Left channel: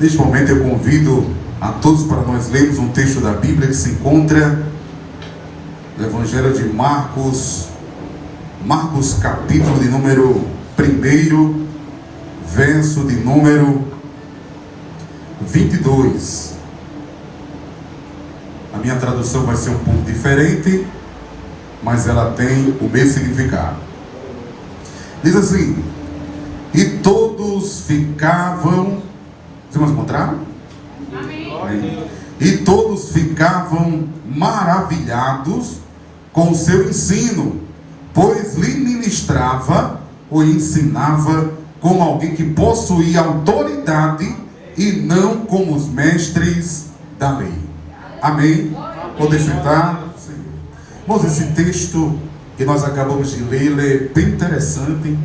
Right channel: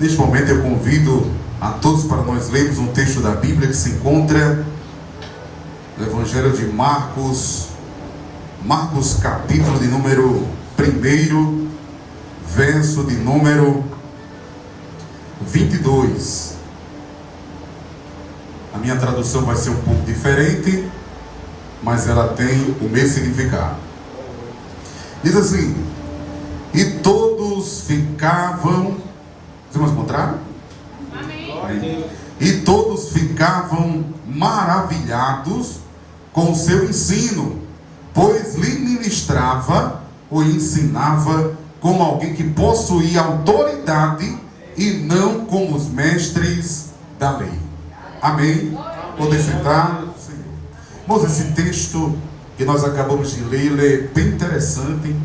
Neste momento eu convido a todos para nós lermos um texto da Bíblia que se encontra no Evangelho de Marcos, capítulo de número 1, verso de número 22. A minha tradução vai ser um pouco diferente, mas ela tem o mesmo significado. Diz assim: e todos ficavam... Vamos encontrar? Amém. E todos ficavam maravilhados com o seu ensino, pois lhe ministrava ou ensinava como alguém que possuía autoridade e não como os mestres da lei. Amém? Poder sentar? Irmãos, esse texto que nós acabamos de ler, ele é bem interessante.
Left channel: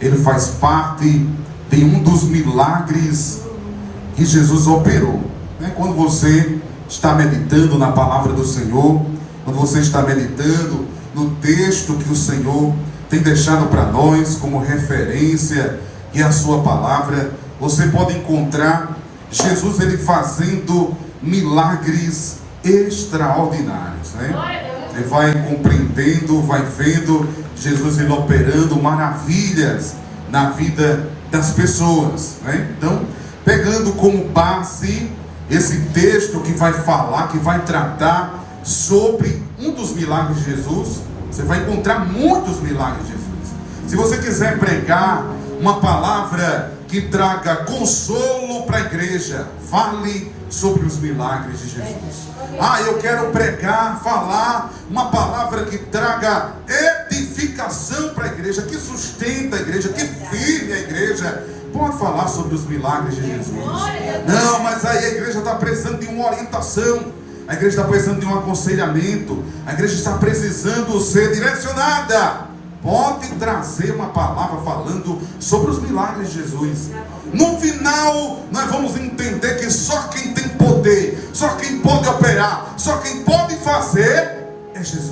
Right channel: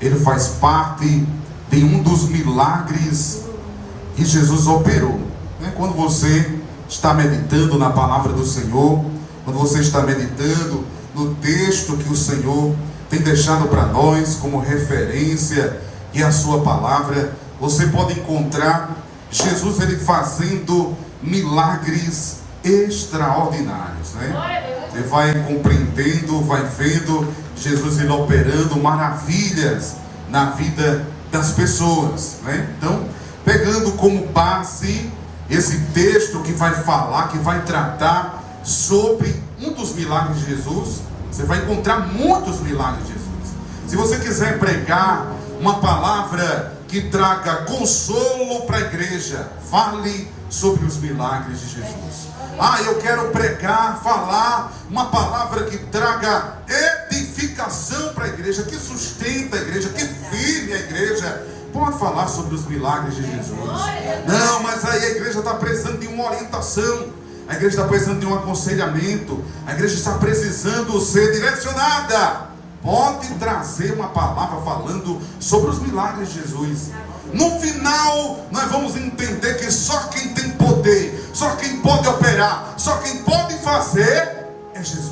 Ele faz parte de um dos milagres que Jesus operou. Quando você está meditando na palavra do Senhor, quando você está meditando no texto que o Senhor tem deixado para nós como referência, que é a sua palavra, você pode encontrar Jesus ele fazendo milagres extraordinários, Você vai compreendendo, vai vendo Jesus ele operando maravilhas na vida das pessoas, Então, pegando como base esse texto que vai falar, que vai tratar sobre um dos milagres de Jesus, você vai encontrar muitos milagres de Jesus. Se você quiser pregar uma palavra que traga consolo para a igreja, fale sobre os milagres de Jesus. Eu quero pregar, falar uma palavra que traga edificação para a igreja, que sustenta a igreja, que firme a igreja. Pode falar sobre os milagres de Jesus. Não, mas aí a igreja está precisando de uma orientação, a igreja está precisando de um aconselhamento, a igreja está precisando ser direcionada. Pode trazer uma palavra falando sobre os milagres de Jesus. No final, nós vamos entender que só quem tem poder, só quem pode operar, só quem pode fazer é Jesus.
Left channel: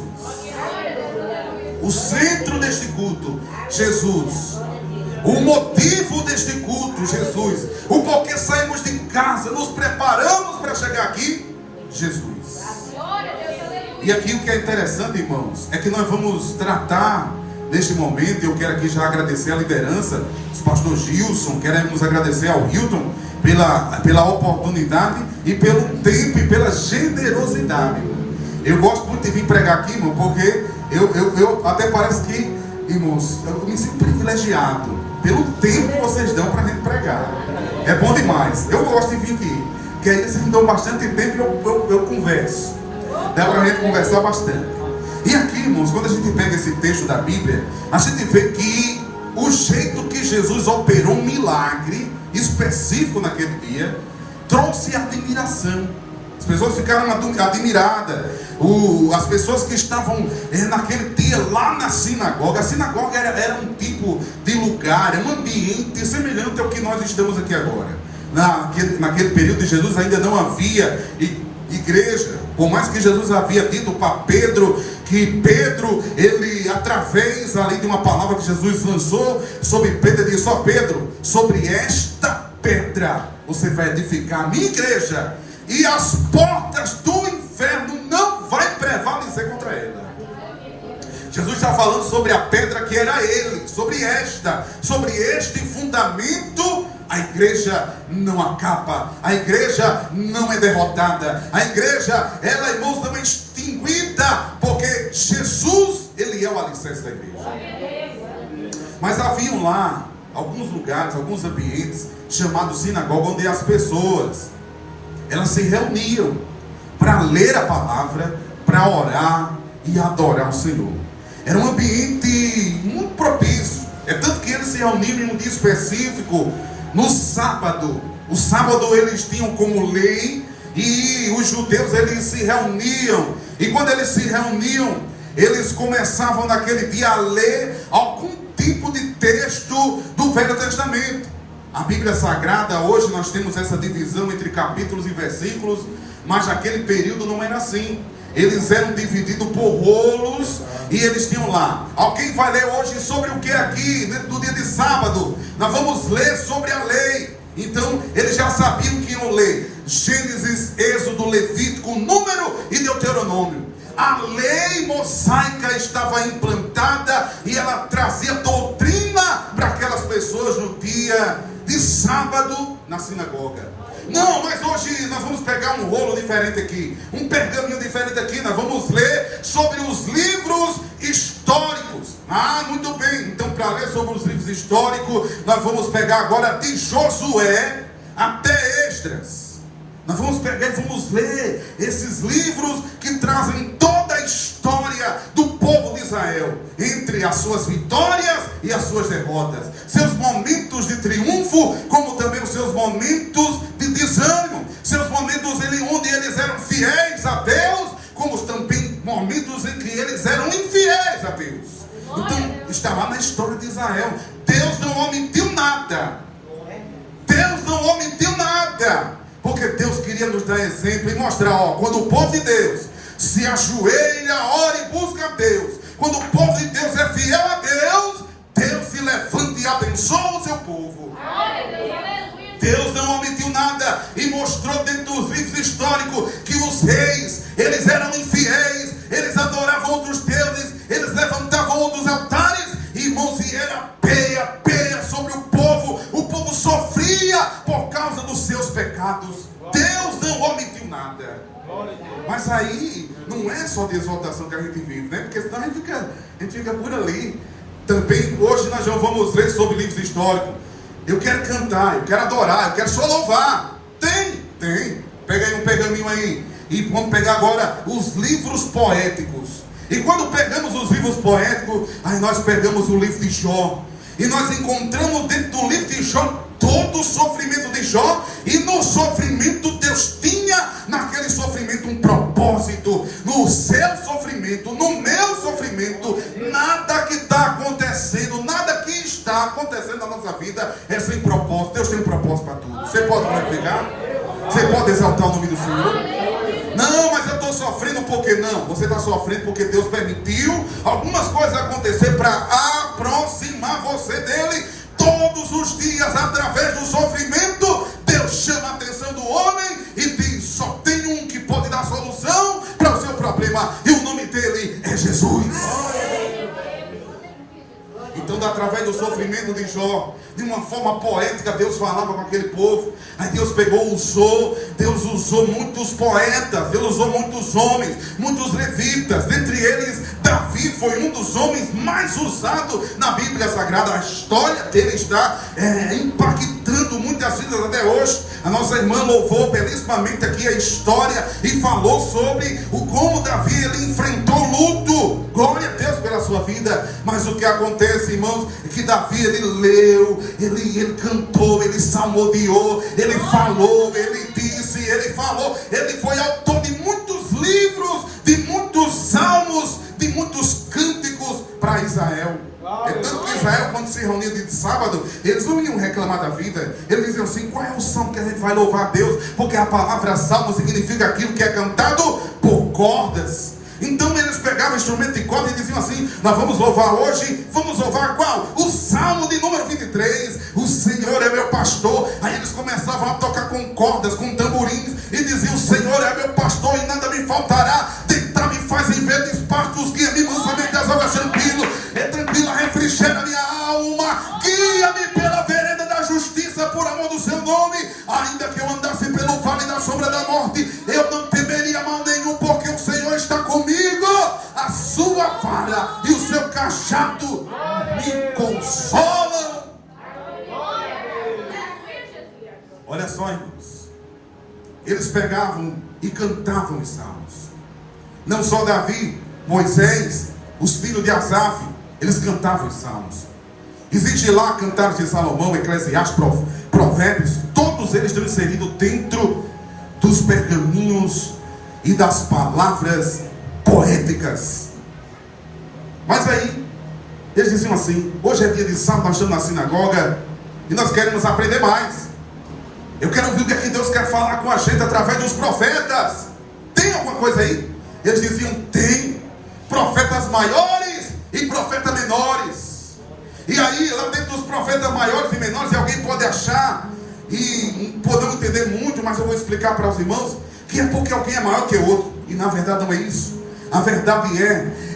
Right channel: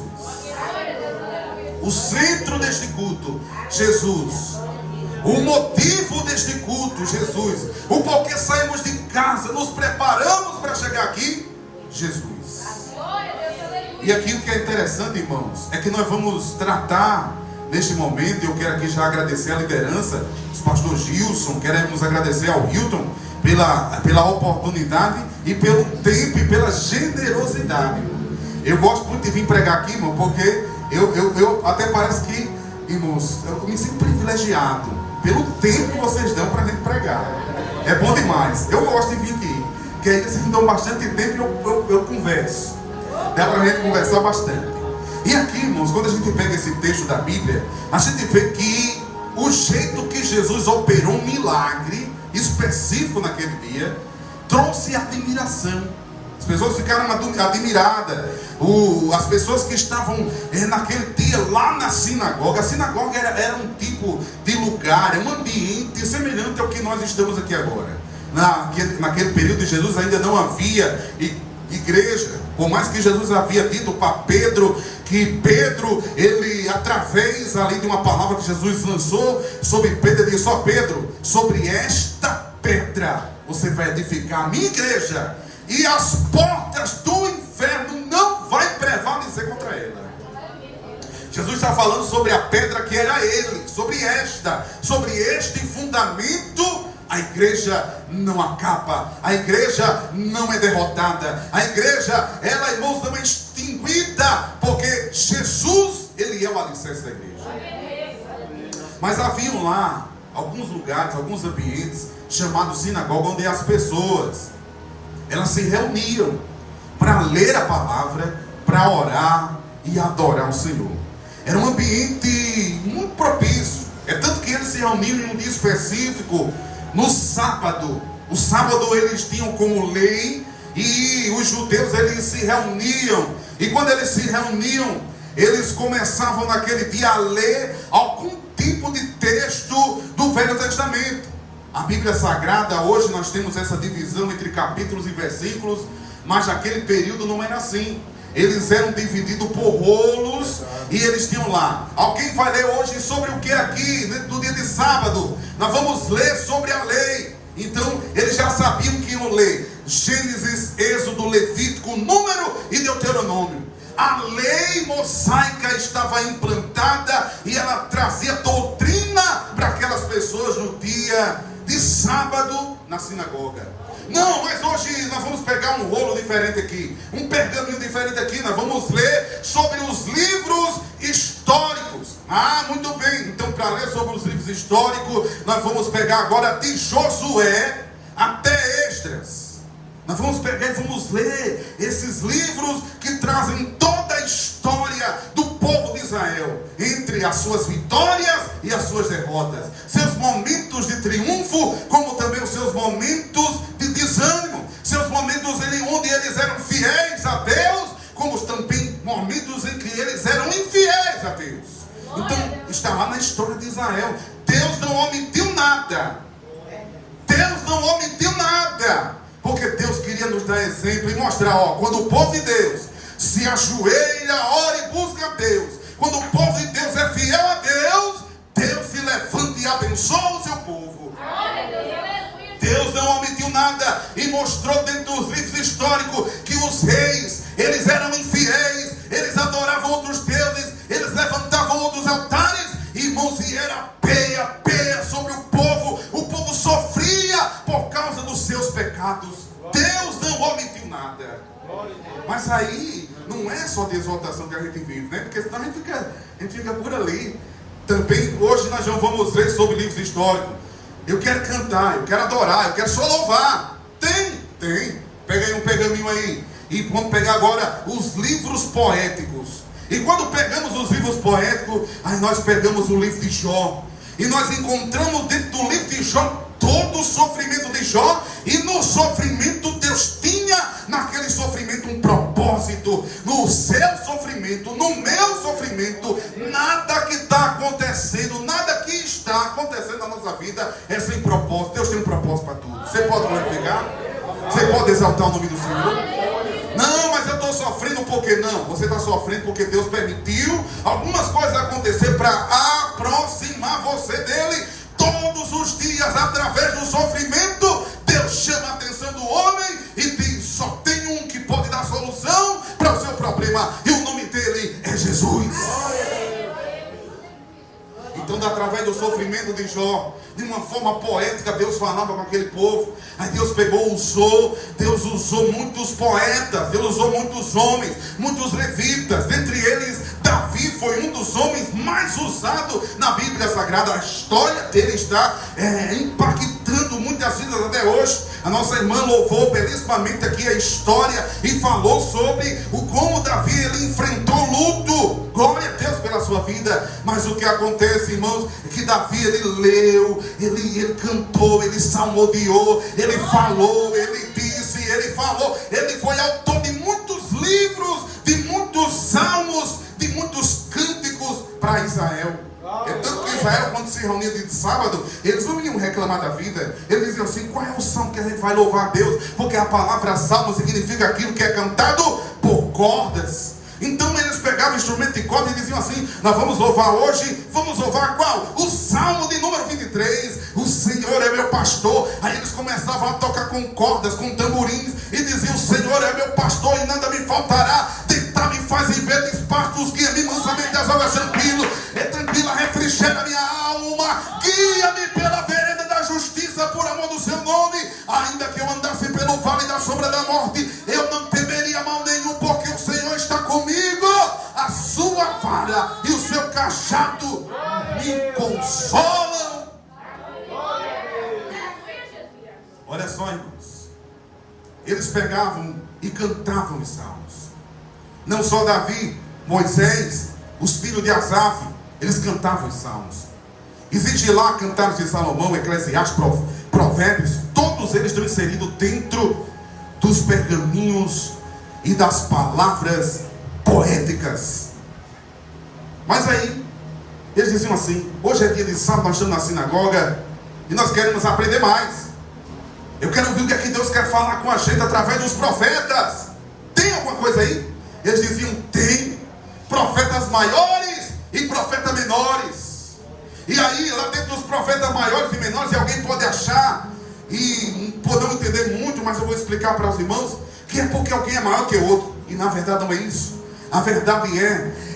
O centro deste culto, Jesus. O motivo deste culto, Jesus. O porquê saímos de casa, nos preparamos para chegar aqui, Jesus. E aqui o que é interessante, irmãos, é que nós vamos tratar neste momento. Eu quero aqui já agradecer a liderança, os pastores Gilson, queremos agradecer ao Hilton pela oportunidade e pelo tempo e pela generosidade. Eu gosto muito de vir pregar aqui, irmão, porque eu até parece que, irmãos, eu me sinto privilegiado pelo tempo que vocês dão para a gente pregar. É bom demais. Eu gosto de vir aqui, porque aí vocês me dão bastante tempo e eu converso. Dá para a gente conversar bastante. E aqui, irmãos, quando a gente pega esse texto da Bíblia, a gente vê que o jeito que Jesus operou um milagre específico naquele dia trouxe admiração. As pessoas ficaram admiradas. As pessoas que estavam naquele dia lá na sinagoga. A sinagoga era um tipo de lugar, um ambiente semelhante ao que nós estamos aqui agora. Naquele período de Jesus ainda não havia igreja. Por mais que Jesus havia dito para Pedro, que Pedro, ele através ali de uma palavra que Jesus lançou sobre Pedro, ele disse: Pedro, sobre esta pedra você vai edificar a minha igreja, e as portas do inferno não vai prevalecer contra ela. Jesus está falando sobre a pedra que era ele, sobre este fundamento. A igreja não acaba, a igreja não é derrotada, a igreja, ela, irmãos, não é extinguida, porque Jesus, ele é o alicerce da igreja. Mas haviam lá alguns lugares, alguns ambientes chamados sinagoga, onde as pessoas, elas se reuniam para ler a palavra, para orar e adorar o Senhor. Era um ambiente muito propício. É tanto que eles se reuniam em um dia específico, no sábado. O sábado eles tinham como lei, e os judeus eles se reuniam. E quando eles se reuniam, eles começavam naquele dia a ler algum tipo de texto do Velho Testamento. A Bíblia Sagrada, hoje nós temos essa divisão entre capítulos e versículos, mas naquele período não era assim. Eles eram divididos por rolos e eles tinham lá. Alguém vai ler hoje sobre o que aqui, no dia de sábado? Nós vamos ler sobre a lei. Então, eles já sabiam que iam ler Gênesis, Êxodo, Levítico, Número e Deuteronômio. A lei mosaica estava implantada e ela trazia doutrina para aquelas pessoas no dia de sábado na sinagoga. Não, mas hoje nós vamos pegar um rolo diferente aqui, um pergaminho diferente aqui. Nós vamos ler sobre os livros históricos. Ah, muito bem. Então, para ler sobre os livros históricos, nós vamos pegar agora de Josué até Esdras. Nós vamos pegar e vamos ler esses livros que trazem toda a história do povo de Israel, entre as suas vitórias e as suas derrotas, seus momentos de triunfo, como também os seus momentos de desânimo, seus momentos onde eles eram fiéis a Deus, como também momentos em que eles eram infiéis a Deus. Então, está lá na história de Israel. Deus não omitiu nada. Deus não omitiu nada. Porque Deus queria nos dar exemplo e mostrar, quando o povo de Deus se ajoelha, ora e busca a Deus, quando o povo de Deus é fiel a Deus, Deus se levanta e abençoa o seu povo. Deus não omitiu nada e mostrou dentro dos livros históricos que os reis, eles eram infiéis, eles adoravam outros deuses, eles levantavam outros altares, irmãos, e era peia sobre o povo sofria por causa dos seus pecados. Deus não omitiu nada. Mas aí não é só de exaltação que a gente vive, né? Porque senão a gente fica por ali. Também hoje nós já vamos ler sobre livros históricos. Eu quero cantar, eu quero adorar, eu quero só louvar. Tem. Pega aí um pergaminho aí. E vamos pegar agora os livros poéticos. E quando pegamos os livros poéticos, aí nós pegamos o livro de Jó. E nós encontramos dentro do livro de Jó todo o sofrimento de Jó. E no sofrimento Deus tinha naquele sofrimento um propósito. No seu sofrimento, no meu sofrimento, nada que está acontecendo, nada que está acontecendo na nossa vida é sem propósito. Deus tem um propósito para tudo. Você pode glorificar? Você pode exaltar o nome do Senhor? Não, mas eu estou sofrendo porque não. Você está sofrendo porque Deus permitiu algumas coisas acontecer para aproximar você dele. Todos os dias, através do sofrimento, Deus chama a atenção do homem e diz: só tem um que pode dar solução para o seu problema, e o nome dele é Jesus. Então, através do sofrimento de Jó, de uma forma poética, Deus falava com aquele povo. Aí Deus Deus usou muitos poetas, Deus usou muitos homens, muitos levitas. Dentre eles, Davi foi um dos homens mais usados na Bíblia Sagrada. A história dele está impactando muitas vidas até hoje. A nossa irmã louvou belíssimamente aqui a história e falou sobre como Davi ele enfrentou luto. Glória a Deus pela sua vida. Mas o que acontece, irmãos, é que Davi ele leu, ele cantou, ele salmodiou, ele falou, ele disse, ele falou. Ele foi autor de muitos livros, de muitos salmos, de muitos cânticos para Israel. É tanto que Israel, quando se reunia de sábado, eles não iam reclamar da vida. Eles diziam assim: qual é o salmo que a gente vai louvar a Deus? Porque a palavra salmo significa aquilo que é cantado por cordas. Então eles pegavam o instrumento de corda e diziam assim: nós vamos louvar hoje, vamos louvar qual? O salmo de número 23, o Senhor é meu pastor. Aí eles começavam a tocar com cordas, com tamborins, e diziam: o Senhor é meu pastor e nada me faltará. Deitar-me faz em verdes pastos, guia-me mansamente das águas tranquilo. É tranquila, refrigera minha alma, guia-me pela vereda da justiça, por amor do seu nome. Ainda que eu andasse pelo vale da sombra da morte, eu não temeria mal nenhum, porque o Senhor está comigo. A sua vara e o seu cajado me consolam. Olha só, irmãos, eles pegavam e cantavam os salmos. Não só Davi, Moisés, os filhos de Asaf, eles cantavam os salmos. Existe lá Cantares de Salomão, Eclesiastes, Provérbios. Todos eles estão inseridos dentro dos pergaminhos e das palavras poéticas. Mas aí eles diziam assim: hoje é dia de sábado, nós estamos na sinagoga e nós queremos aprender mais. Eu quero ouvir o que é que Deus quer falar com a gente através dos profetas. Tem alguma coisa aí? Eles diziam: tem profetas maiores e profetas menores. E aí, lá dentro dos profetas maiores e menores, alguém pode achar e podemos entender muito, mas eu vou explicar para os irmãos, que é porque alguém é maior que o outro, e na verdade não é isso. A verdade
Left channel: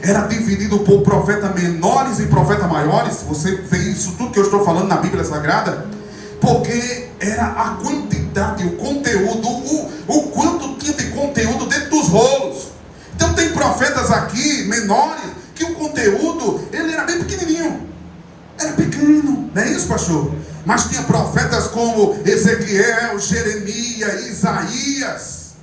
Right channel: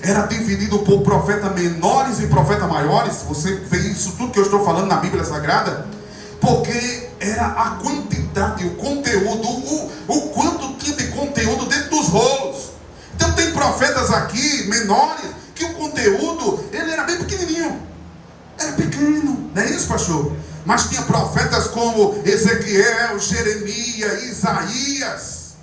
era dividido por profetas menores e profetas maiores. Você vê isso, tudo que eu estou falando na Bíblia Sagrada, porque era a quantidade, o conteúdo, o quanto tinha de conteúdo dentro dos rolos. Então tem profetas aqui, menores, que o conteúdo, ele era bem pequenininho. Era pequeno, não é isso, pastor? Mas tinha profetas como Ezequiel, Jeremias, Isaías,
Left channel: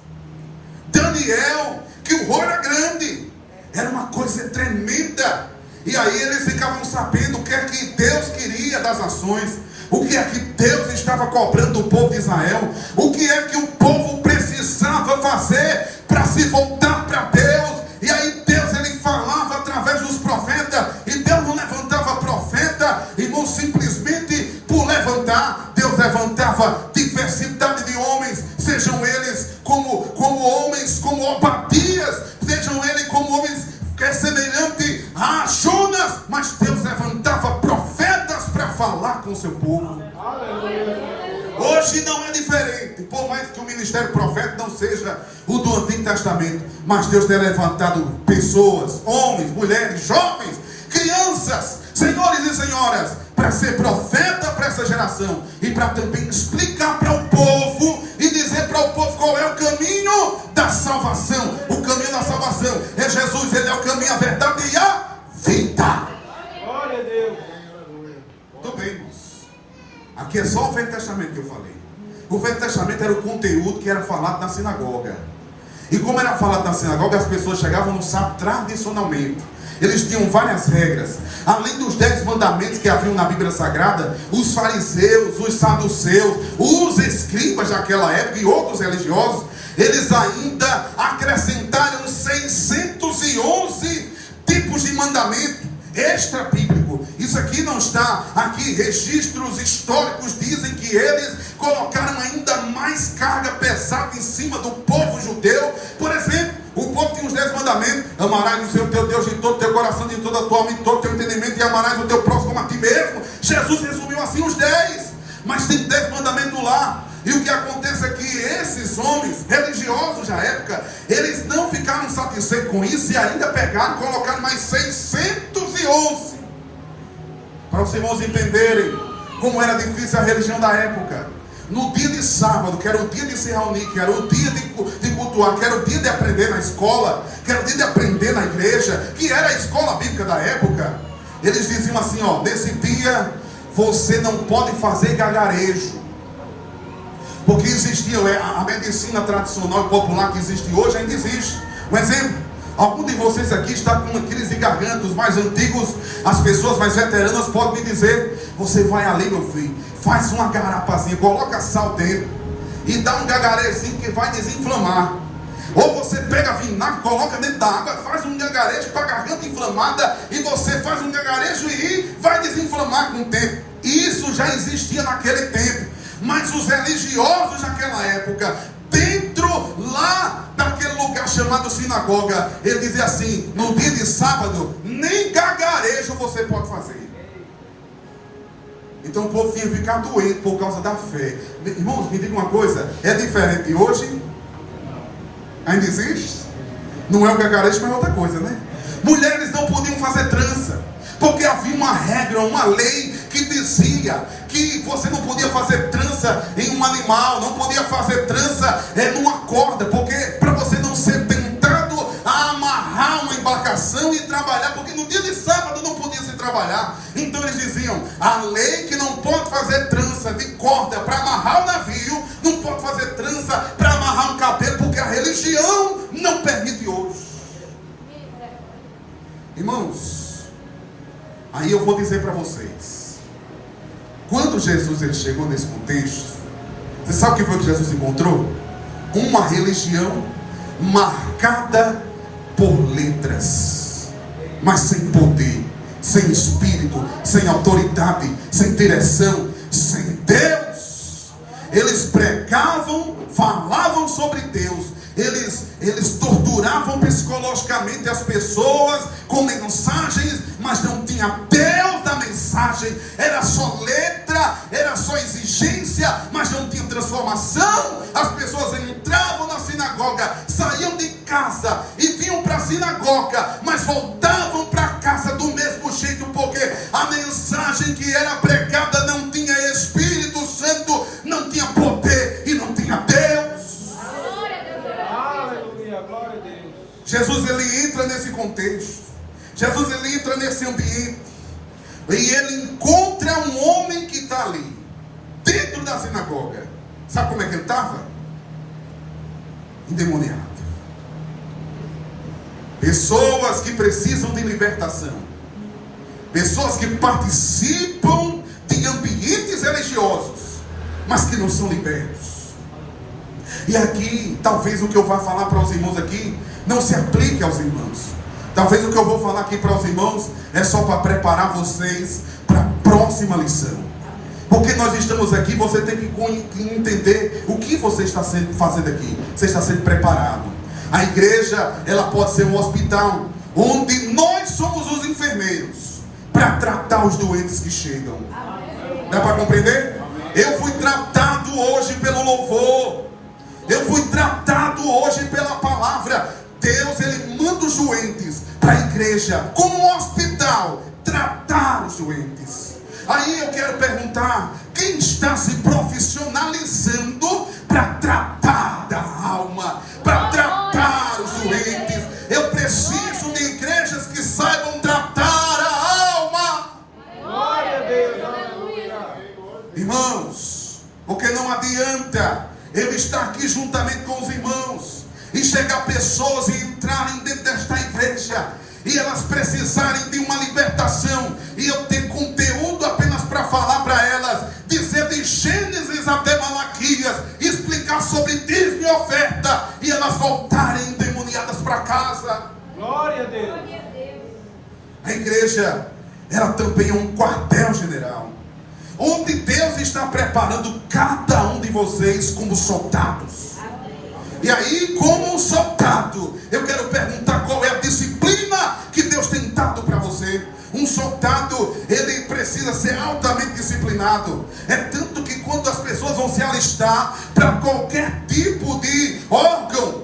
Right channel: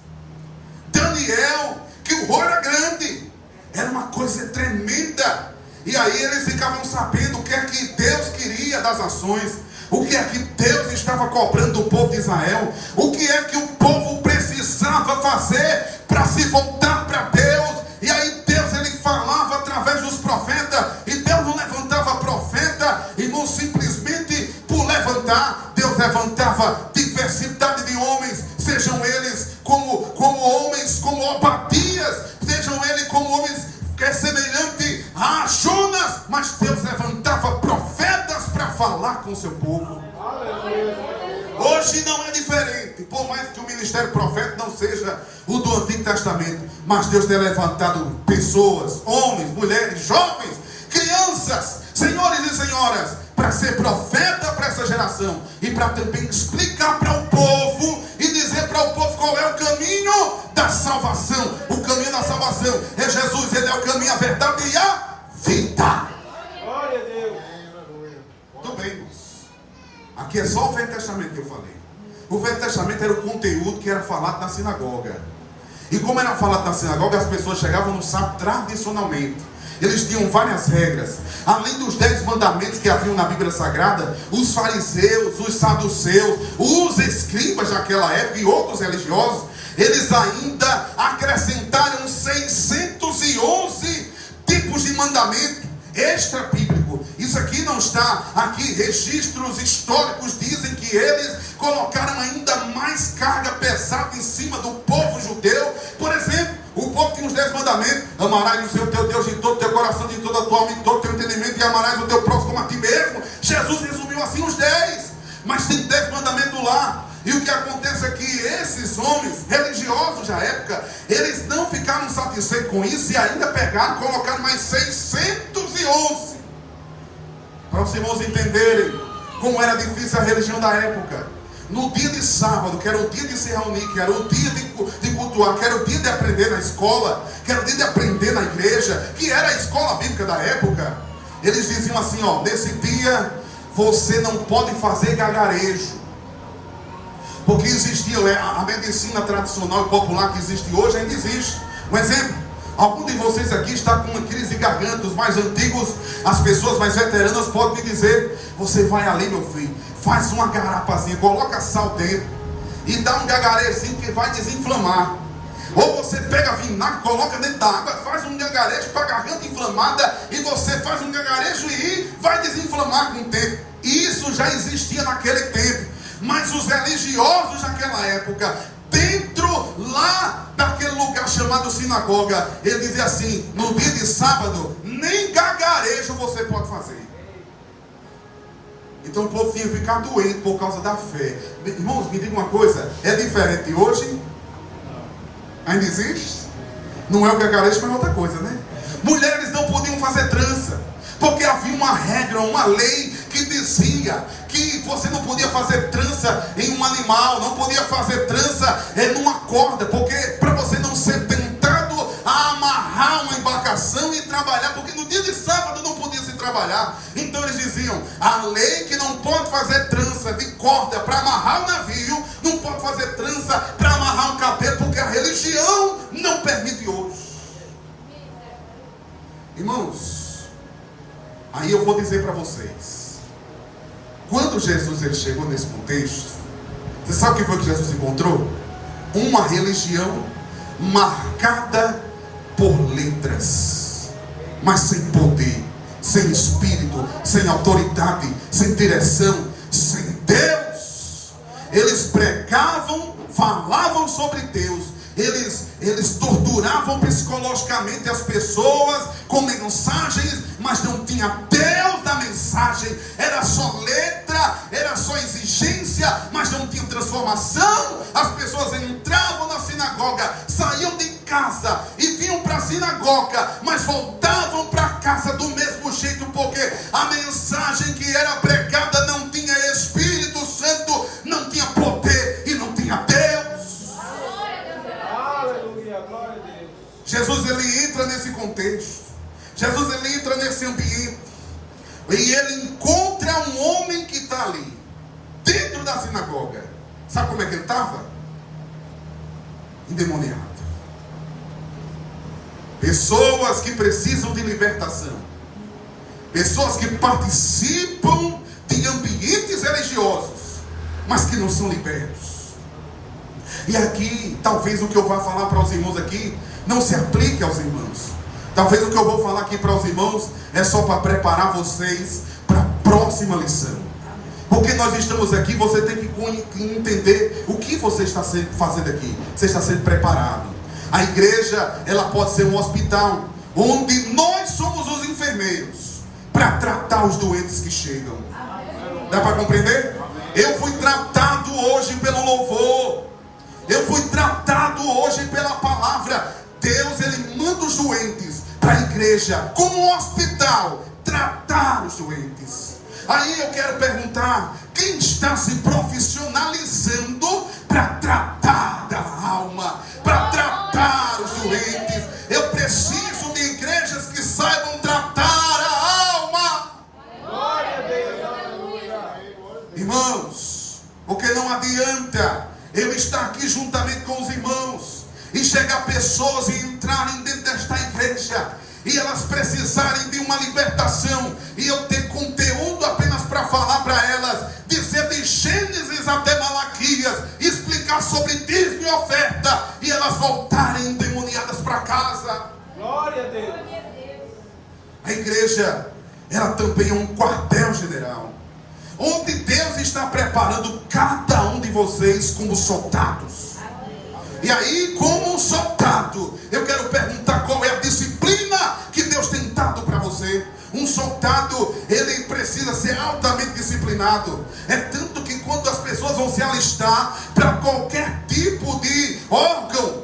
Daniel, que o rolo era grande. Era uma coisa tremenda. E aí eles ficavam sabendo o que é que Deus queria das nações, o que é que Deus estava cobrando do povo de Israel, o que é que o povo precisava fazer para se voltar para Deus. E aí Deus, ele falava através dos profetas, e Deus não levantava profeta, irmão, simplesmente por levantar. Deus levantava diversidade de homens, sejam eles como homens, como Obadias, sejam eles como homens semelhantes a Jonas, mas Deus levantava profetas para falar com o seu povo. Hoje não é diferente, por mais que o ministério profético não seja o do Antigo Testamento, mas Deus tem levantado pessoas, homens, mulheres, jovens, crianças, senhores e senhoras, para ser profeta para essa geração e para também explicar para o povo e dizer para o povo qual é o caminho da salvação. O caminho da salvação é Jesus, ele é o caminho, a verdade e a vida. Glória a Deus. Muito bem, irmãos. Aqui é só o Velho Testamento que eu falei. O Velho Testamento era o conteúdo que era falado na sinagoga. E como era falado na sinagoga, as pessoas chegavam no sábado tradicionalmente. Eles tinham várias regras. Além dos 10 mandamentos que haviam na Bíblia Sagrada, os fariseus, os saduceus, os escribas daquela época e outros religiosos, eles ainda acrescentaram 611 tipos de mandamento extra bíblico. Isso aqui não está aqui. Registros históricos dizem que eles colocaram ainda mais carga pesada em cima do povo judeu. Por exemplo, o povo tinha os 10 mandamentos: amarás o Senhor teu Deus de todo o teu coração, de toda a tua alma, de todo o teu entendimento, e amarás o teu próximo como a ti mesmo. Jesus resumiu assim os 10, mas tem 10 mandamentos lá. E o que acontece é que esses homens religiosos da época, eles não ficaram satisfeitos com isso e ainda pegaram e colocaram mais 611. Para os irmãos entenderem como era difícil a religião da época. No dia de sábado, que era o dia de se reunir, que era o dia de cultuar, que era o dia de aprender na escola, que era o dia de aprender na igreja, que era a escola bíblica da época, eles diziam assim, ó: nesse dia você não pode fazer gargarejo. Porque existia a medicina tradicional e popular que existe hoje, ainda existe. Um exemplo: algum de vocês aqui está com uma crise de garganta. Os mais antigos, as pessoas mais veteranas podem me dizer: você vai ali, meu filho, faz uma garapazinha, coloca sal dentro e dá um gagarezinho que vai desinflamar. Ou você pega vinagre, coloca dentro da água, faz um gagarejo para a garganta inflamada, e você faz um gagarejo e vai desinflamar com o tempo. Isso já existia naquele tempo. Mas os religiosos daquela época, dentro lá daquele lugar chamado sinagoga, ele dizia assim: no dia de sábado, nem gagarejo você pode fazer. Então o povo tinha que ficar doente por causa da fé. Irmãos, me diga uma coisa: é diferente hoje? Ainda existe? Não é o gagarejo, mas é outra coisa, né? Mulheres não podiam fazer trança, porque havia uma regra, uma lei que dizia que você não podia fazer trança em um animal, não podia fazer trança numa corda, porque para você não ser tentado a amarrar uma embarcação e trabalhar, porque no dia de sábado não podia se trabalhar. Então eles diziam: a lei que não pode fazer trança de corda para amarrar o navio, não pode fazer trança para amarrar um cabelo, porque a religião não permite hoje. Irmãos, aí eu vou dizer para vocês, quando Jesus ele chegou nesse contexto, você sabe o que foi que Jesus encontrou? Uma religião marcada por letras, mas sem poder, sem espírito, sem autoridade, sem direção, sem Deus. Eles pregavam, falavam sobre Deus, eles torturavam psicologicamente as pessoas com mensagens, mas não tinha Deus da mensagem. Era só letra, era só exigência, mas não tinha Não, as pessoas entravam na sinagoga, saíam de casa e vinham para a sinagoga, mas voltavam para casa do mesmo jeito, porque a mensagem que era pregada não tinha Espírito Santo, não tinha poder e não tinha Deus. Jesus, ele entra nesse contexto. Jesus, ele entra nesse ambiente e ele encontra um homem que está ali dentro da sinagoga. Sabe como é que ele estava? Endemoniado. Pessoas que precisam de libertação, pessoas que participam de ambientes religiosos, mas que não são libertos. E aqui, talvez o que eu vá falar para os irmãos aqui não se aplique aos irmãos. Talvez o que eu vou falar aqui para os irmãos é só para preparar vocês para a próxima lição. Porque nós estamos aqui, você tem que entender o que você está fazendo aqui. Você está sendo preparado. A igreja, ela pode ser um hospital, onde nós somos os enfermeiros, para tratar os doentes que chegam. Dá para compreender? Eu fui tratado hoje pelo louvor. Eu fui tratado hoje pela palavra. Deus, ele manda os doentes para a igreja, como um hospital, tratar os doentes. Aí eu quero perguntar, quem está se profissionalizando para tratar da alma, para tratar os doentes? Eu preciso de igrejas que saibam tratar a alma. Glória a Deus. Irmãos, porque não adianta eu estar aqui juntamente com os irmãos e chegar pessoas e entrarem dentro desta igreja e elas precisarem de uma libertação, e eu ter conteúdo apenas para falar para elas, dizer de Gênesis até Malaquias, explicar sobre dízimo e oferta, e elas voltarem endemoniadas para casa. Glória a Deus. A igreja, ela também é um quartel-general, onde Deus está preparando cada um de vocês como soldados. E aí, como um soldado, eu quero perguntar qual é a disciplina que Deus tem dado para você. Um soldado, ele precisa ser altamente disciplinado. É tanto que quando as pessoas vão se alistar para qualquer tipo de órgão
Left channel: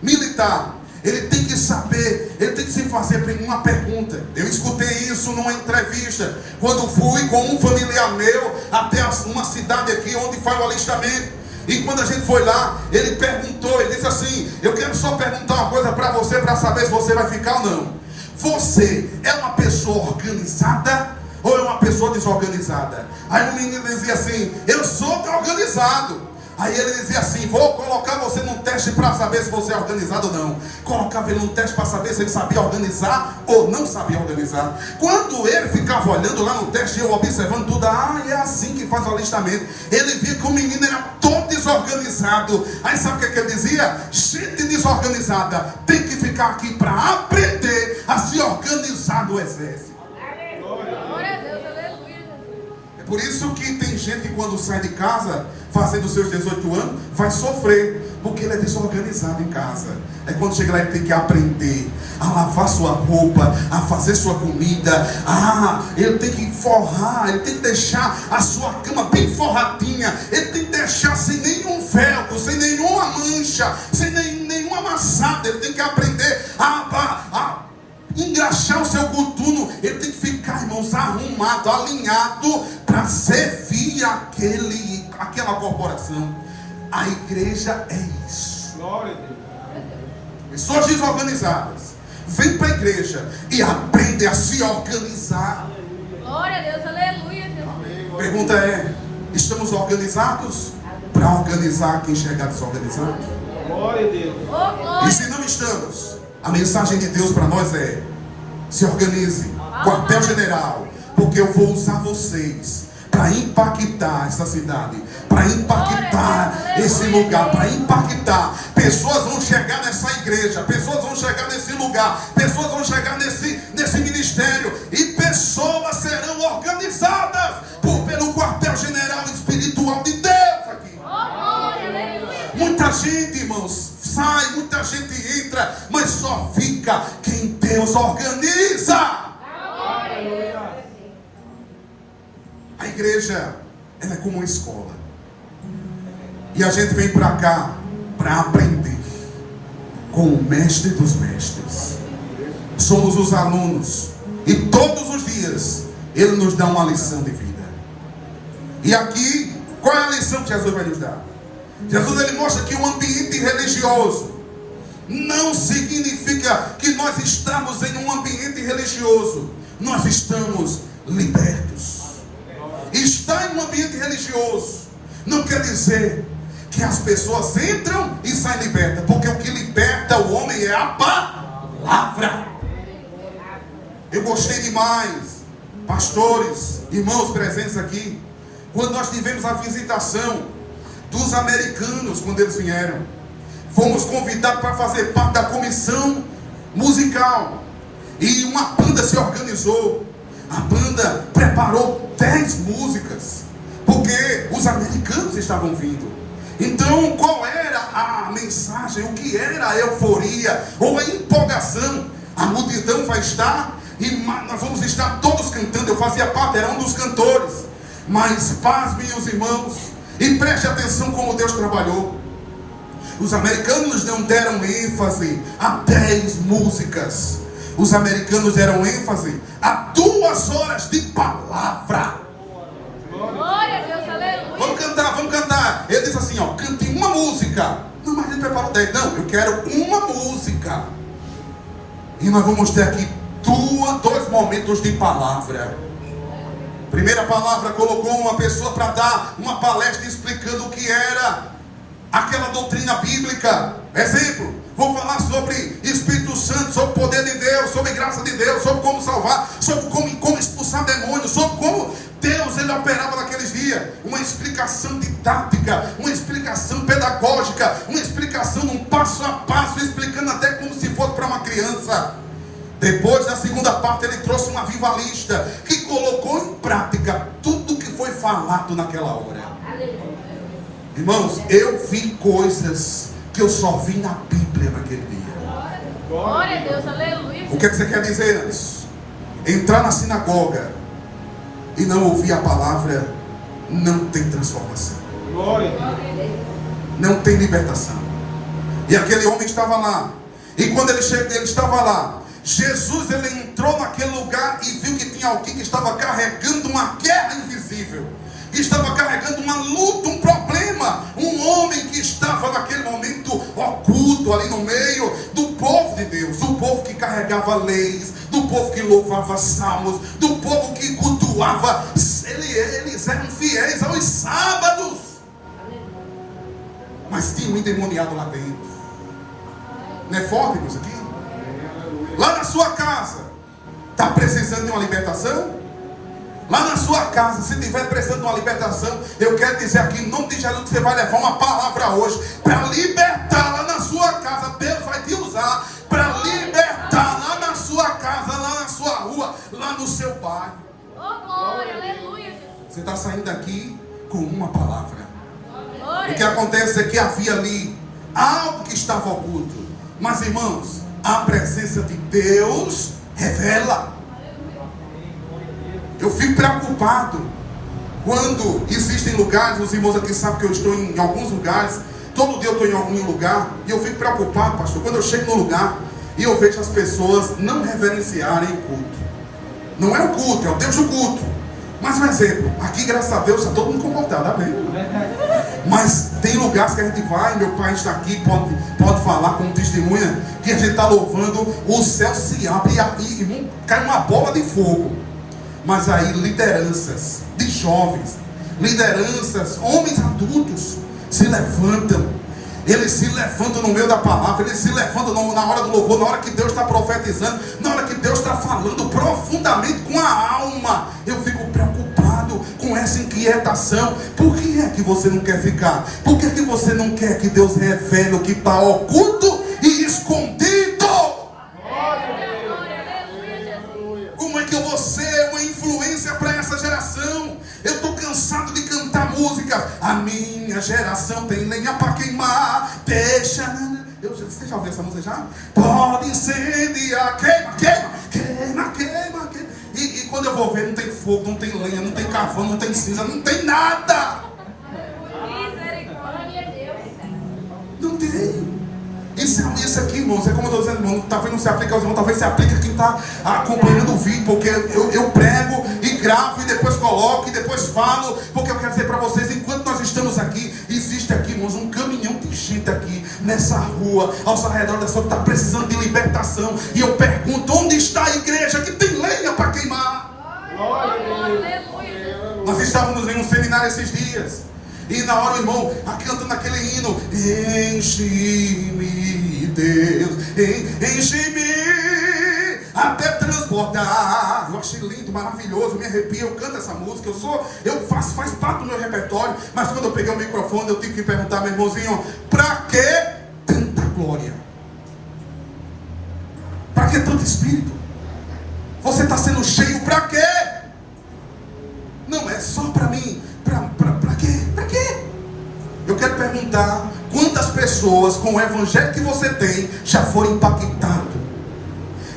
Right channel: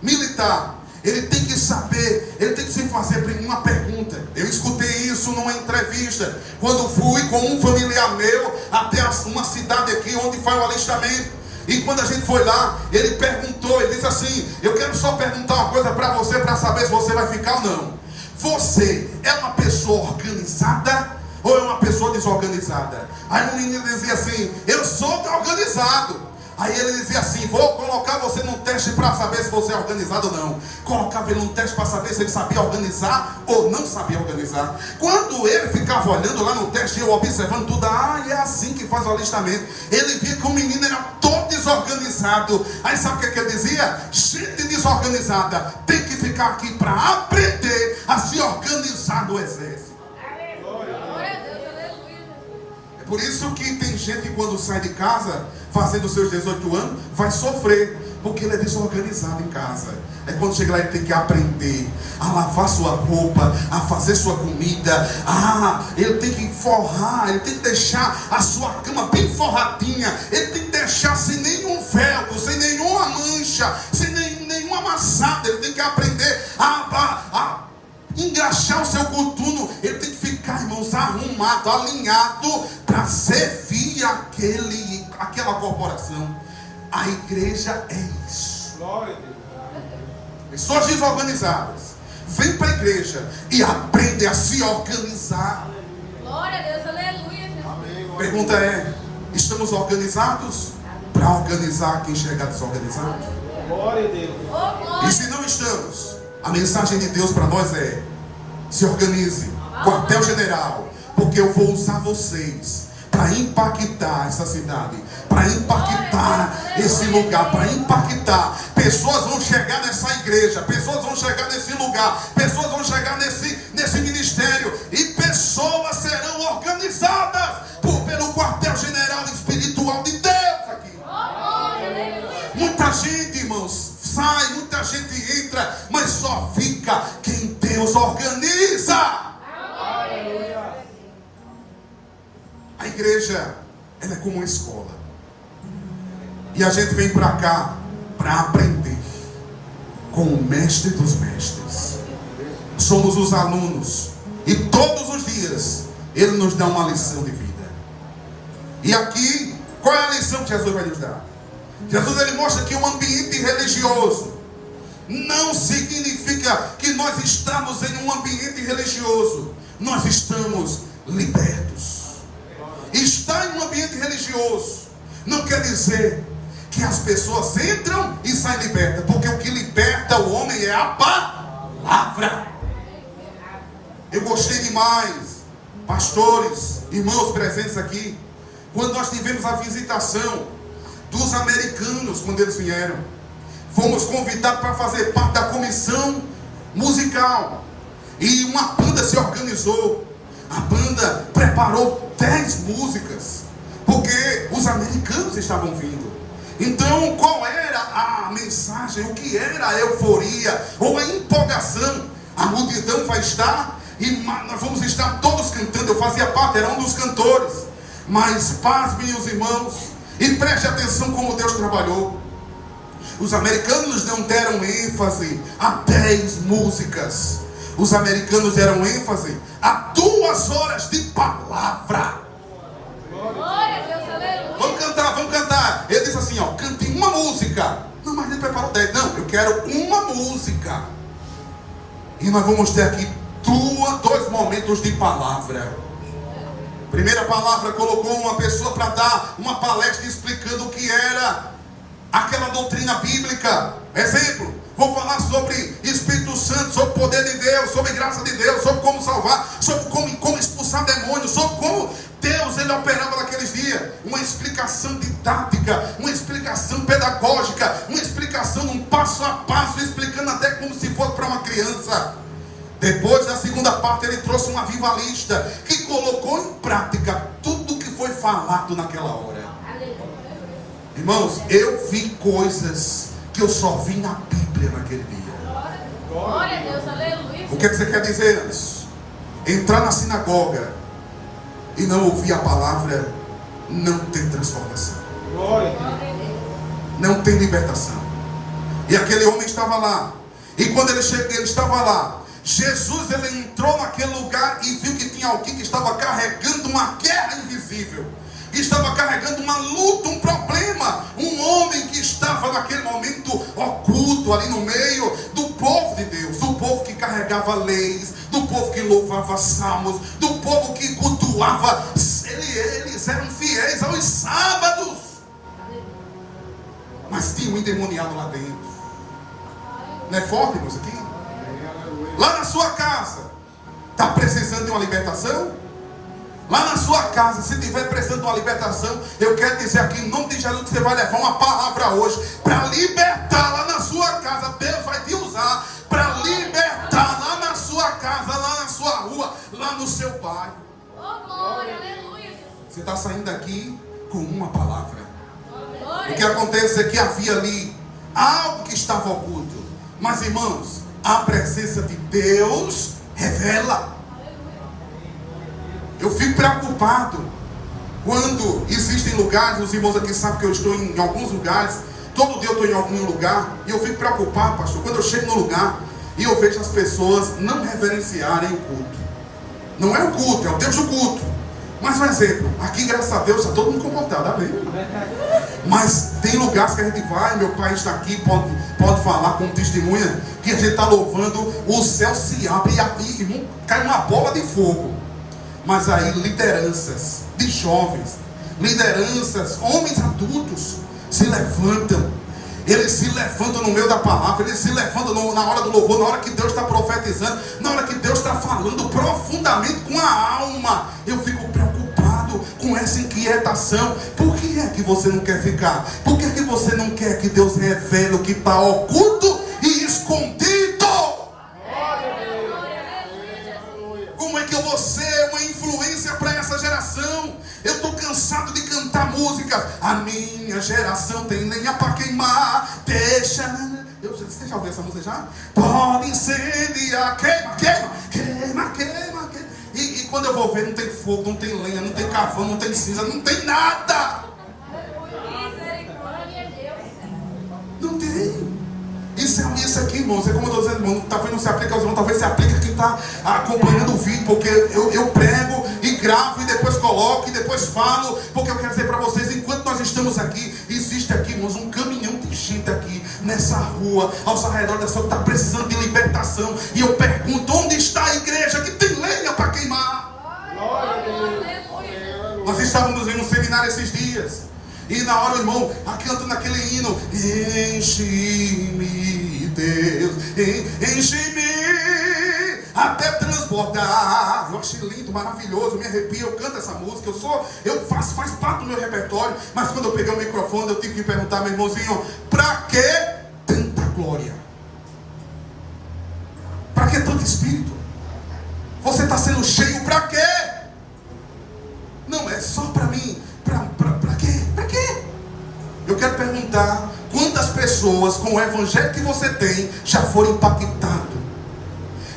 militar, ele tem que saber, ele tem que se fazer uma pergunta. Eu escutei isso numa entrevista, quando fui com um familiar meu até uma cidade aqui onde foi o alistamento. E quando a gente foi lá, ele perguntou, ele disse assim: eu quero só perguntar uma coisa para você, para saber se você vai ficar ou não. Você é uma pessoa organizada ou é uma pessoa desorganizada? Aí o menino dizia assim: eu sou organizado. Aí ele dizia assim: vou colocar você num teste para saber se você é organizado ou não. Colocava ele num teste para saber se ele sabia organizar ou não sabia organizar. Quando ele ficava olhando lá no teste, eu observando tudo, é assim que faz o alistamento. Ele via que o menino era todo desorganizado. Aí sabe o que ele dizia? Gente desorganizada tem que ficar aqui para aprender a se organizar no exército. Por isso que tem gente que quando sai de casa, fazendo seus 18 anos, vai sofrer, porque ele é desorganizado em casa. É quando chega lá ele tem que aprender a lavar sua roupa, a fazer sua comida. Ele tem que forrar, ele tem que deixar a sua cama bem forradinha. Ele tem que deixar sem nenhum velcro, sem nenhuma mancha, sem nenhuma amassada. Ele tem que aprender a engraxar o seu coturno. Ele tem que ficar, irmãos, arrumado, alinhado para servir aquela corporação. A igreja é isso. Pessoas desorganizadas vêm para a igreja e aprendem a se organizar. Glória a Deus, aleluia. A pergunta é: estamos organizados para organizar quem chegar desorganizado? Glória a Deus. E se não estamos, a mensagem de Deus para nós é: se organize, quartel-general, porque eu vou usar vocês para impactar essa cidade, para impactar esse lugar, para impactar. Pessoas vão chegar nessa igreja, pessoas vão chegar nesse lugar, pessoas vão chegar nesse ministério, e pessoas serão organizadas pelo quartel-general espiritual de Deus aqui. Muita gente, irmãos, sai, muita gente entra, mas só fica quem Deus organiza. A igreja, ela é como uma escola. E a gente vem para cá para aprender com o mestre dos mestres. Somos os alunos. E todos os dias ele nos dá uma lição de vida. E aqui, qual é a lição que Jesus vai nos dar? Jesus ele mostra que o ambiente religioso não significa que nós estamos em um ambiente religioso. Nós estamos libertos. Estar em um ambiente religioso não quer dizer que as pessoas entram e saem libertas, porque o que liberta o homem é a palavra. Eu gostei demais, pastores, irmãos presentes aqui, quando nós tivemos a visitação dos americanos, quando eles vieram. Fomos convidados para fazer parte da comissão musical. E uma banda se organizou. A banda preparou 10 músicas, porque os americanos estavam vindo. Então, qual era a mensagem? O que era a euforia ou a empolgação? A multidão vai estar e nós vamos estar todos cantando. Eu fazia parte, era um dos cantores. Mas pasmem os irmãos e preste atenção como Deus trabalhou. Os americanos não deram ênfase a 10 músicas. Os americanos deram ênfase a 2 horas de palavra. Vamos cantar, vamos cantar. Ele disse assim, ó, cante uma música. Não, mas ele preparou 10. Não, eu quero uma música. E nós vamos ter aqui 2 momentos de palavra. Primeira palavra, colocou uma pessoa para dar uma palestra explicando o que era aquela doutrina bíblica. Exemplo, vou falar sobre Espírito Santo, sobre o poder de Deus, sobre graça de Deus, sobre como salvar, sobre como expulsar demônios, sobre como Deus ele operava naqueles dias. Uma explicação didática, uma explicação pedagógica, uma explicação num passo a passo, explicando até como se fosse para uma criança. Depois da segunda parte ele trouxe um avivalista que colocou em prática tudo que foi falado naquela hora. Irmãos, eu vi coisas que eu só vi na Bíblia naquele dia. Glória a Deus, aleluia. O que é que você quer dizer antes? Entrar na sinagoga e não ouvir a palavra não tem transformação. Não tem libertação. E aquele homem estava lá. E quando ele chegou, ele estava lá. Jesus ele entrou naquele lugar e viu que tinha alguém que estava carregando uma guerra invisível. Que estava carregando uma luta, um problema. Um homem que estava naquele momento oculto ali no meio do povo de Deus. Do povo que carregava leis. Do povo que louvava salmos. Do povo que cultuava. Eles eram fiéis aos sábados. Mas tinha um endemoniado lá dentro. Não é forte, irmãos, aqui? Lá na sua casa, está precisando de uma libertação? Lá na sua casa, se estiver precisando de uma libertação, eu quero dizer aqui, em nome de Jesus, que você vai levar uma palavra hoje, para libertar lá na sua casa. Deus vai te usar para libertar lá na sua casa, lá na sua rua, lá no seu bairro. Você está saindo daqui com uma palavra. O que acontece é que havia ali algo que estava oculto. Mas, irmãos, a presença de Deus revela. Eu fico preocupado quando existem lugares, os irmãos aqui sabem que eu estou em alguns lugares, todo dia eu estou em algum lugar, e eu fico preocupado, pastor, quando eu chego no lugar e eu vejo as pessoas não reverenciarem o culto. Não é o culto, é o Deus do culto. Mas um exemplo, aqui graças a Deus está todo mundo comportado, amém? Mas tem lugares que a gente vai, meu pai está aqui, pode falar como testemunha, que a gente está louvando, o céu se abre e cai uma bola de fogo. Mas aí lideranças de jovens, lideranças, homens adultos se levantam. Eles se levantam no meio da palavra, eles se levantam na hora do louvor, na hora que Deus está profetizando, na hora que Deus está falando profundamente com a alma. Eu fico preocupado com essa inquietação. Por que é que você não quer ficar? Por que é que você não quer que Deus revele o que está oculto e escondido? Como é que você é uma influência para essa geração? Eu estou cansado de cantar músicas. A minha geração tem lenha para queimar. Você já ouviu essa música já? Pode incendiar, queima. E quando eu vou ver, não tem fogo, não tem lenha, não tem carvão, não tem cinza, não tem nada. Não tem. Isso aqui, irmãos, é como eu estou dizendo, irmão, talvez não se aplique aos irmãos, talvez se aplique a quem está acompanhando o vídeo, porque eu prego e gravo e depois coloco e depois falo, porque eu quero dizer para vocês, enquanto nós estamos aqui, existe aqui, irmãos, um caminhão de gente aqui, nessa rua, aos arredores dessa rua, que está precisando de libertação, e eu pergunto, onde está a igreja que tem lenha para queimar? Nós estávamos em um seminário esses dias, e na hora o irmão cantando aquele hino, enche-me, Deus, enche-me até transbordar. Eu achei lindo, maravilhoso, me arrepio, eu canto essa música, faz parte do meu repertório. Mas quando eu peguei o microfone, eu tive que perguntar, meu irmãozinho, para que tanta glória? Para que tanto espírito? Você está sendo cheio para quê? Não é só para mim. Para quê? Para quê? Eu quero perguntar, quantas pessoas com o evangelho que você tem já foram impactadas?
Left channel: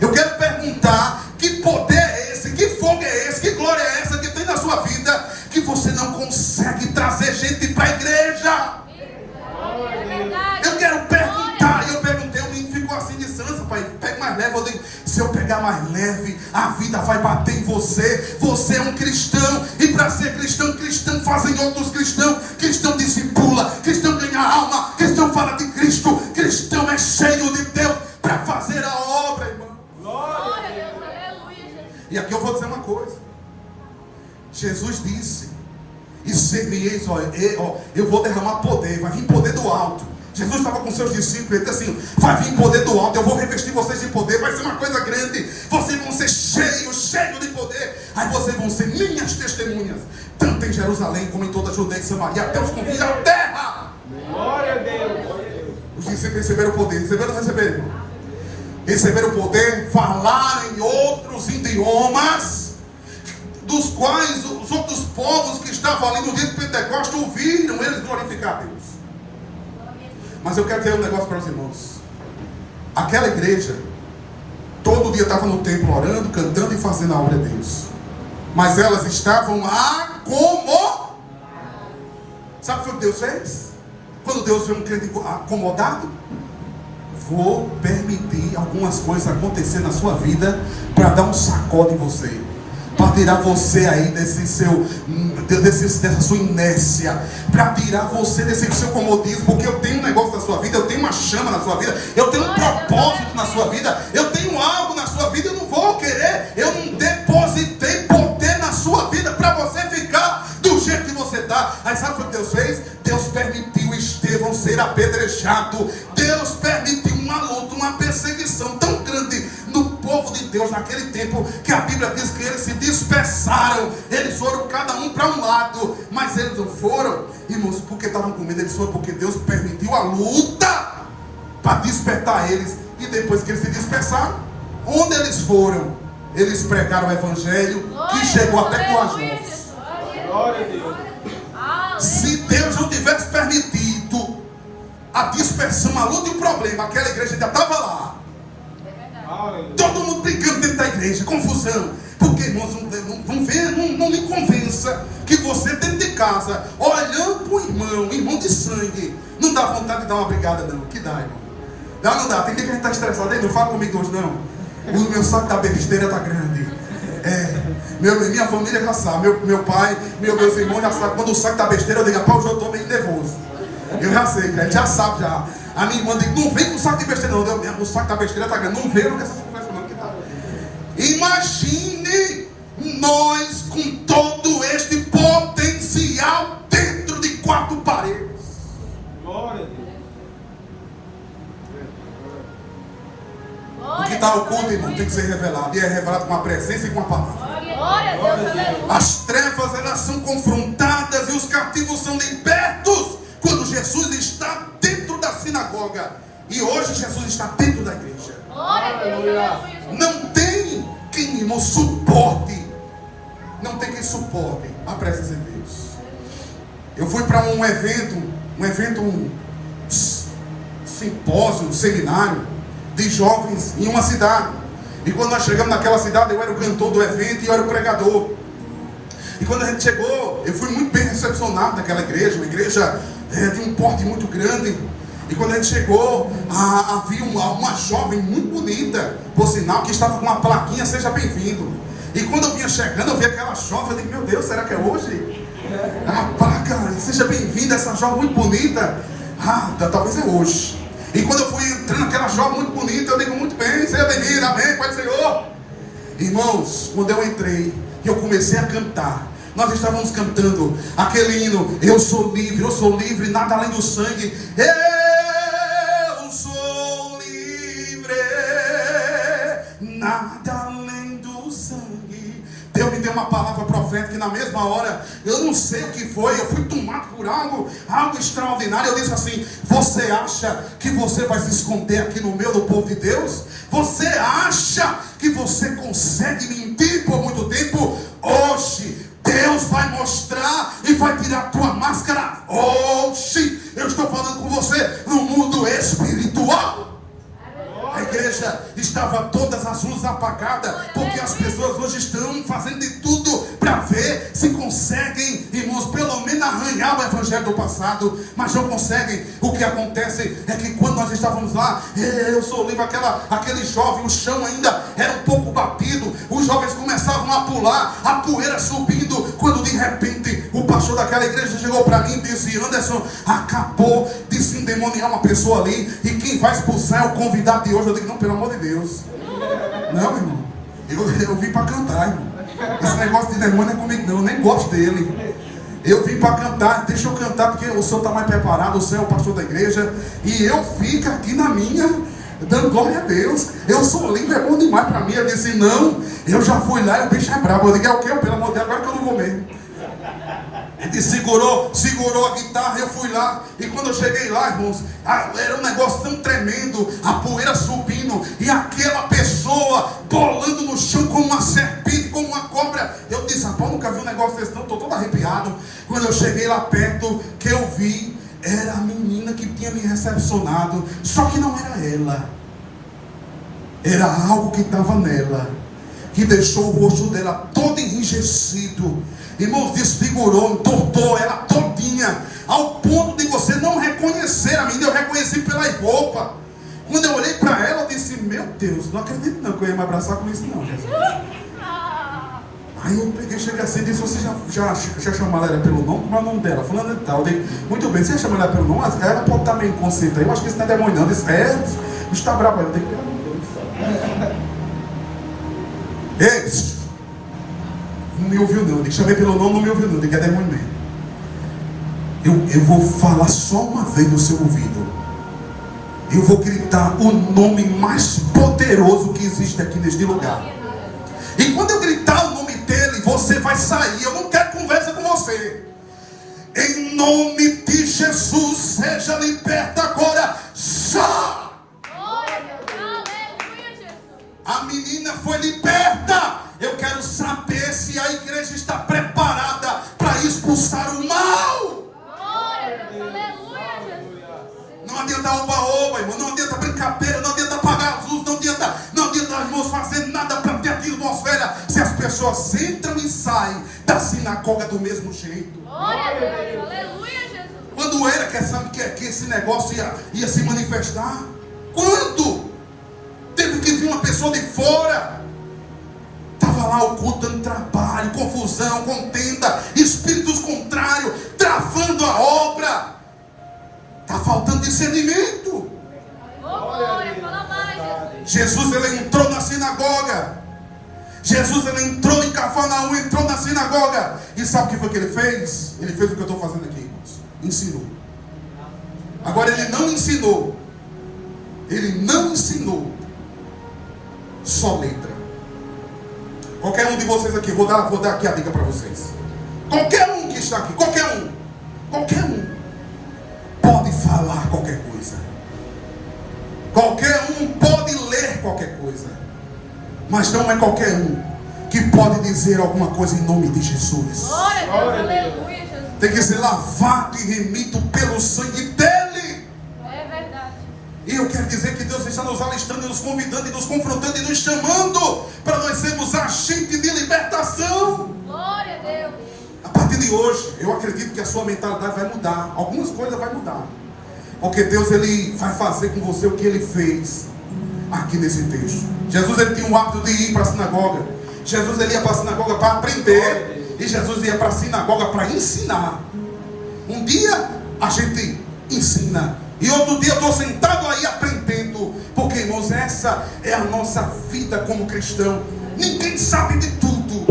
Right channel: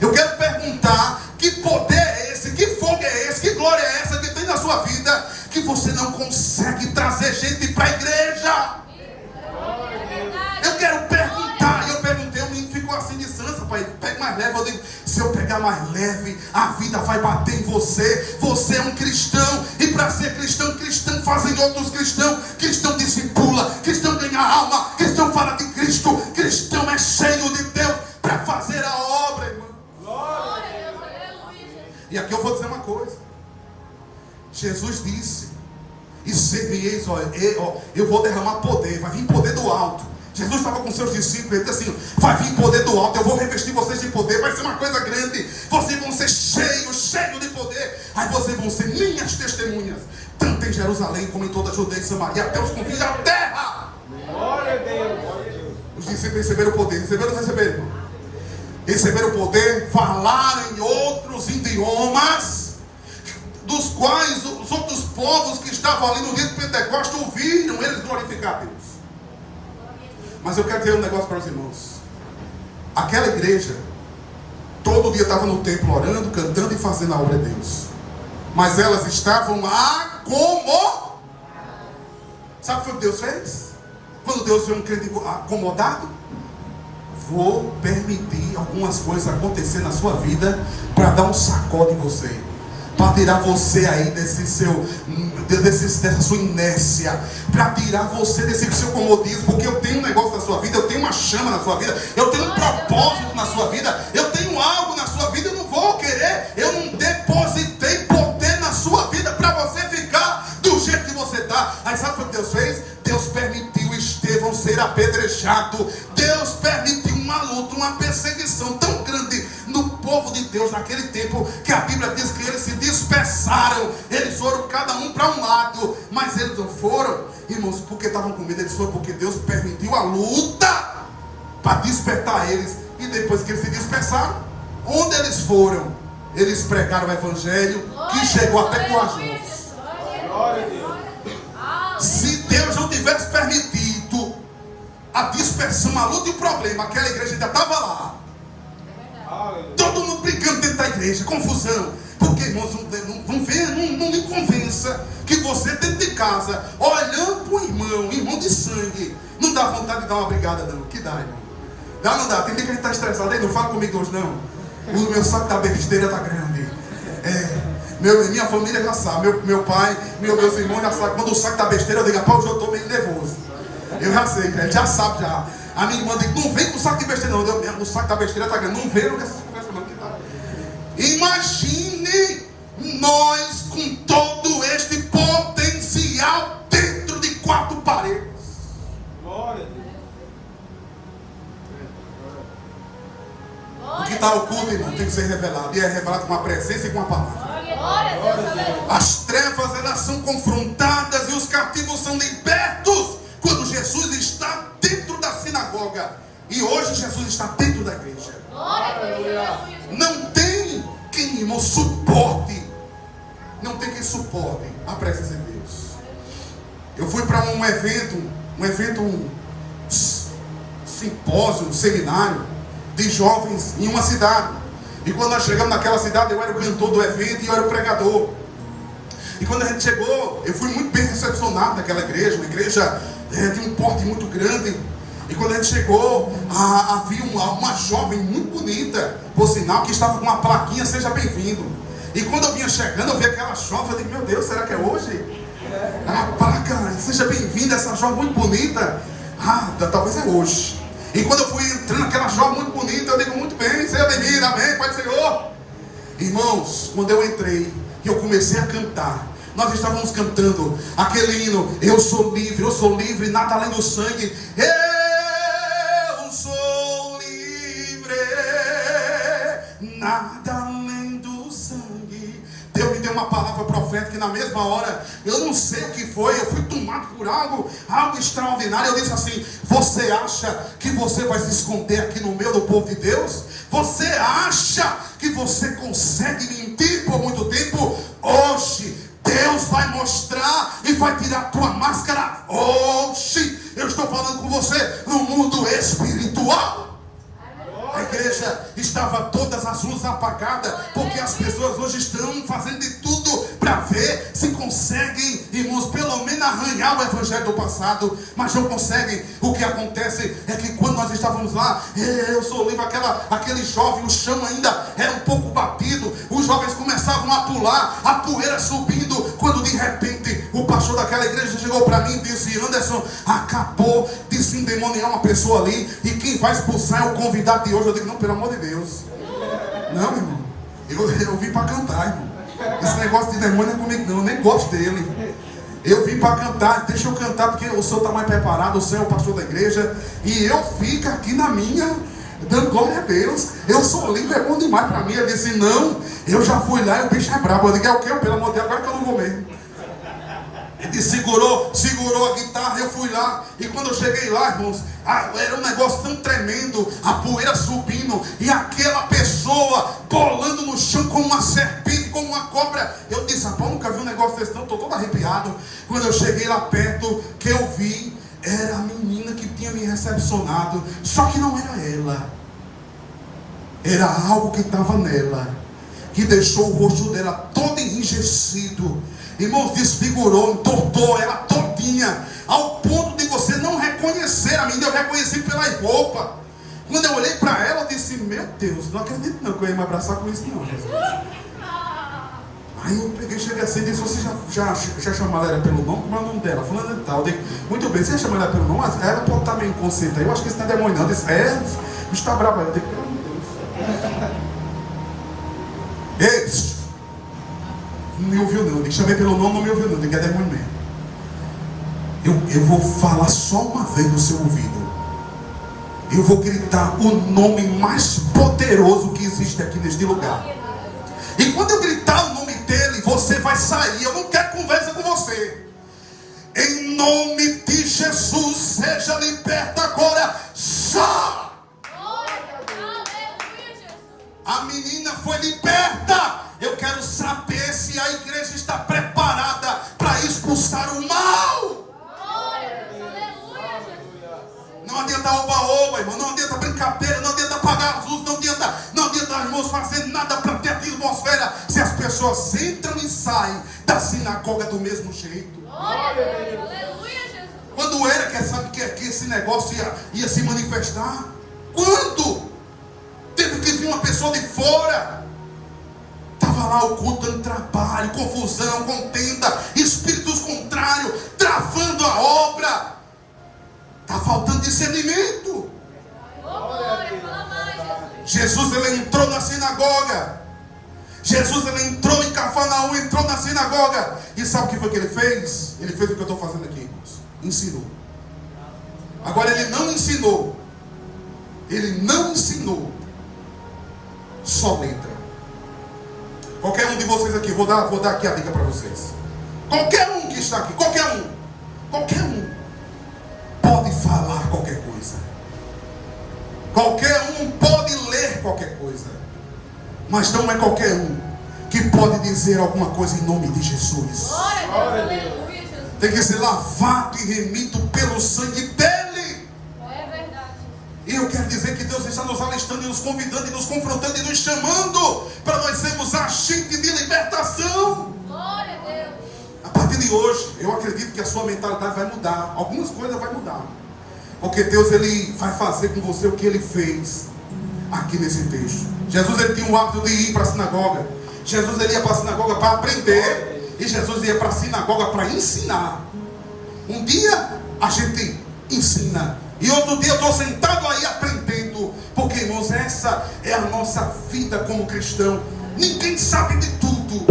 Eu quero perguntar, que poder é esse, que fogo é esse, que glória é essa que tem na sua vida, que você não consegue trazer gente para a igreja? Eu quero perguntar, e eu perguntei, o menino ficou assim de sansa, pai, pega mais leve. Eu digo, se eu pegar mais leve, a vida vai bater em você. Você é um cristão, e para ser cristão, cristão fazem outros cristãos, cristão discipula, cristão ganha alma, cristão fala de Cristo, cristão é cheio de Deus para fazer a obra, irmão. E aqui eu vou dizer uma coisa, Jesus disse, e ser-me-eis, eu vou derramar poder, vai vir poder do alto. Jesus estava com seus discípulos, ele disse assim, vai vir poder do alto, eu vou revestir vocês de poder, vai ser uma coisa grande, vocês vão ser cheios de poder, aí vocês vão ser minhas testemunhas, tanto em Jerusalém como em toda a Judeia e Samaria, até os confins da terra. Os discípulos receberam o poder, receberam ou não receberam? Receberam o poder, falaram em outros idiomas, dos quais os outros povos que estavam ali no dia de Pentecostes ouviram eles glorificar a Deus. Mas eu quero dizer um negócio para os irmãos. Aquela igreja, todo dia estava no templo orando, cantando e fazendo a obra de Deus. Mas elas estavam acomodadas. Sabe o que Deus fez? Quando Deus vê um crente acomodado, vou permitir algumas coisas acontecer na sua vida para dar um sacode em você, para tirar você aí dessa sua inércia, para tirar você desse seu comodismo, porque eu tenho um negócio na sua vida, eu tenho uma chama na sua vida, eu tenho um propósito na sua vida, eu tenho algo na sua vida, eu não vou querer, eu não depositei poder na sua vida para você ficar do jeito que você está. Aí sabe o que Deus fez? Deus permitiu Estevão ser apedrejado, Deus permitiu uma luta, uma perseguição tão grande no povo de Deus naquele tempo, que a Bíblia diz que eles se dispersaram, eles foram cada um para um lado, mas eles não foram, irmãos, porque estavam com medo, eles foram porque Deus permitiu a luta para despertar eles, e depois que eles se dispersaram, onde eles foram? Eles pregaram o evangelho, que chegou até com as mãos. Se Deus não tivesse permitido a dispersão, a luta e o problema, aquela igreja já estava lá. Todo mundo brigando dentro da igreja, confusão. Porque, irmãos, não me convença que você dentro de casa, olhando para o irmão de sangue, não dá vontade de dar uma brigada, não. Que dá, irmão? Não dá. Tem dia que a gente está estressado. Ei, não fala comigo hoje, não. O meu saco da besteira está grande. Minha família já sabe, meu pai, meus irmãos já sabem. Quando o saco da besteira, eu digo, pá, hoje eu estou meio nervoso. Eu já sei, a gente já sabe já. A minha irmã diz, não vem com o saco de besteira não. O saco da besteira está grande. Não veio com essas conversas não. Imagine nós com todo este potencial dentro de 4 paredes. O que está oculto, irmão, tem que ser revelado. E é revelado com a presença e com a palavra. As trevas, elas são confrontadas e os cativos são libertos quando Jesus está dentro da sinagoga. E hoje Jesus está dentro da igreja. Não tem quem, irmão, suporte. Não tem quem suporte a presença de Deus. Eu fui para um simpósio, um seminário de jovens em uma cidade. E quando nós chegamos naquela cidade, eu era o cantor do evento e eu era o pregador. E quando a gente chegou, eu fui muito bem recepcionado naquela igreja, uma igreja de um porte muito grande. E quando a gente chegou, havia uma jovem muito bonita, por sinal, que estava com uma plaquinha, seja bem-vindo. E quando eu vinha chegando, eu vi aquela jovem, eu digo, meu Deus, será que é hoje? A placa, seja bem-vinda, essa jovem muito bonita. Talvez é hoje. E quando eu fui entrando, aquela jovem muito bonita, eu digo, muito bem, seja bem-vinda, amém, Pai do Senhor. Irmãos, quando eu entrei, eu comecei a cantar. Nós estávamos cantando aquele hino, eu sou livre, nada além do sangue. Eu sou livre, nada além do sangue. Deus me deu uma palavra profética e na mesma hora, eu não sei o que foi, eu fui tomado por algo extraordinário. Eu disse assim, você acha que você vai se esconder aqui no meio do povo de Deus? Você acha que você consegue mentir por muito tempo? Hoje Deus vai mostrar e vai tirar a tua máscara. Hoje eu estou falando com você no mundo espiritual. A igreja estava todas as luzes apagadas, porque as pessoas hoje estão fazendo de tudo para ver se conseguem, irmãos, pelo menos arranhar o evangelho do passado, mas não conseguem. O que acontece é que quando nós estávamos lá, eu sou livre, aquele jovem, o chão ainda era um pouco batido, os jovens começavam a pular, a poeira subindo, quando de repente o pastor daquela igreja chegou para mim e disse, Anderson, acabou de se endemoniar uma pessoa ali, e quem vai expulsar é o convidado de hoje. Eu digo, não, pelo amor de Deus. Não, irmão. Eu vim para cantar, irmão. Esse negócio de demônio não é comigo, não. Eu nem gosto dele. Eu vim para cantar. Deixa eu cantar, porque o senhor está mais preparado. O senhor é o pastor da igreja. E eu fico aqui na minha, dando glória a Deus. Eu sou livre, é bom demais para mim. Eu disse, não. Eu já fui lá e o bicho é brabo. Eu digo, é o quê? Pelo amor de Deus, agora que eu não vou mesmo. Ele segurou a guitarra, eu fui lá. E quando eu cheguei lá, irmãos, era um negócio tão tremendo, a poeira subindo, e aquela pessoa bolando no chão como uma serpente, como uma cobra. Eu disse, rapaz, nunca vi um negócio desse não, estou todo arrepiado. Quando eu cheguei lá perto, que eu vi, era a menina que tinha me recepcionado. Só que não era ela, era algo que estava nela, que deixou o rosto dela todo enrijecido. Irmãos, desfigurou, entortou ela todinha, ao ponto de você não reconhecer a menina. Eu reconheci pela roupa. Quando eu olhei para ela, eu disse, meu Deus, não acredito não que eu ia me abraçar com isso não, Jesus. Aí eu peguei, cheguei assim e disse, você já chamou ela pelo nome? Como é o nome dela? Fulana de tal. Eu digo, muito bem, você chamou ela pelo nome? Ela pode estar meio inconsciente aí, eu acho que isso não é demônio não. Eu disse, o está bravo aí. Eu digo, pelo amor de Deus. Ei, não me ouviu não, eu chamei pelo nome, não me ouviu não, diga, é demônio mesmo. Eu vou falar só uma vez no seu ouvido. Eu vou gritar o nome mais poderoso que existe aqui neste lugar. E quando eu gritar o nome dele, você vai sair. Eu não quero conversa com você. Em nome de Jesus, seja liberta agora. Só! A menina foi liberta. Eu quero saber se a igreja está preparada para expulsar o mal. Não adianta oba-oba, irmão. Não adianta brincadeira, não adianta apagar as luzes, não adianta irmãos fazer nada para ter atmosfera, se as pessoas entram e saem da sinagoga do mesmo jeito. Quando era que esse negócio ia se manifestar? Quando? Teve que vir uma pessoa de fora. Estava lá o culto dando trabalho, confusão, contenda, espíritos contrários, travando a obra. Está faltando discernimento. Jesus, ele entrou na sinagoga. Jesus, ele entrou em Cafarnaum, entrou na sinagoga. E sabe o que foi que ele fez? Ele fez o que eu estou fazendo aqui, irmãos. Ensinou. Agora, ele não ensinou. Ele não ensinou só letra. Qualquer um de vocês aqui, vou dar aqui a dica para vocês. Qualquer um que está aqui, qualquer um pode falar qualquer coisa. Qualquer um pode ler qualquer coisa. Mas não é qualquer um que pode dizer alguma coisa em nome de Jesus. Tem que ser lavado e remido pelo sangue dele. E eu quero dizer que Deus está nos alistando, nos convidando, e nos confrontando e nos chamando para nós sermos agentes de libertação. Glória a Deus. A partir de hoje, eu acredito que a sua mentalidade vai mudar. Algumas coisas vai mudar. Porque Deus, ele vai fazer com você o que ele fez aqui nesse texto. Jesus, ele tinha o hábito de ir para a sinagoga. Jesus, ele ia para a sinagoga para aprender. E Jesus ia para a sinagoga para ensinar. Um dia a gente ensina, e outro dia eu estou sentado aí aprendendo. Porque, irmãos, essa é a nossa vida como cristão. Ninguém sabe de tudo.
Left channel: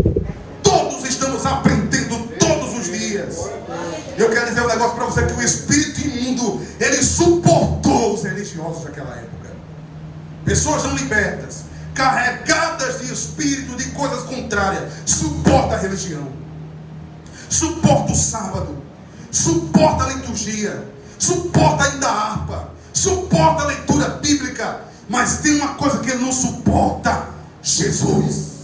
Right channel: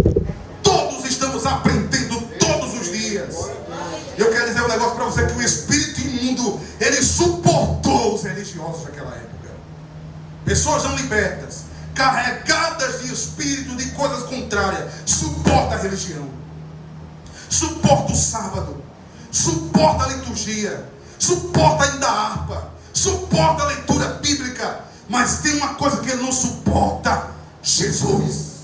Todos estamos aprendendo todos os dias. Eu quero dizer um negócio para você, que o espírito imundo, ele suportou os religiosos daquela época. Pessoas não libertas, carregadas de espírito, de coisas contrárias, suporta a religião, suporta o sábado, suporta a liturgia, suporta ainda a harpa, suporta a leitura bíblica. Mas tem uma coisa que ele não suporta: Jesus.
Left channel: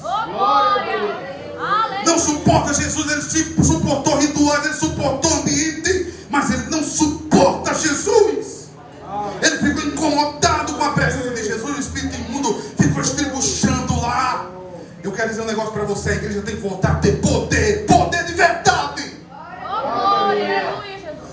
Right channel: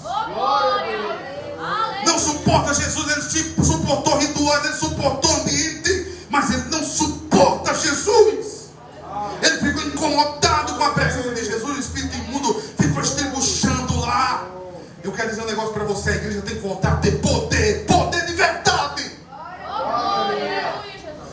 Não suporta Jesus. Ele suportou rituais, ele suportou ambiente, mas ele não suporta Jesus. Ele ficou incomodado com a presença de Jesus. O espírito imundo ficou estribuchando lá. Eu quero dizer um negócio para você: a igreja tem que voltar a ter poder, poder de verdade.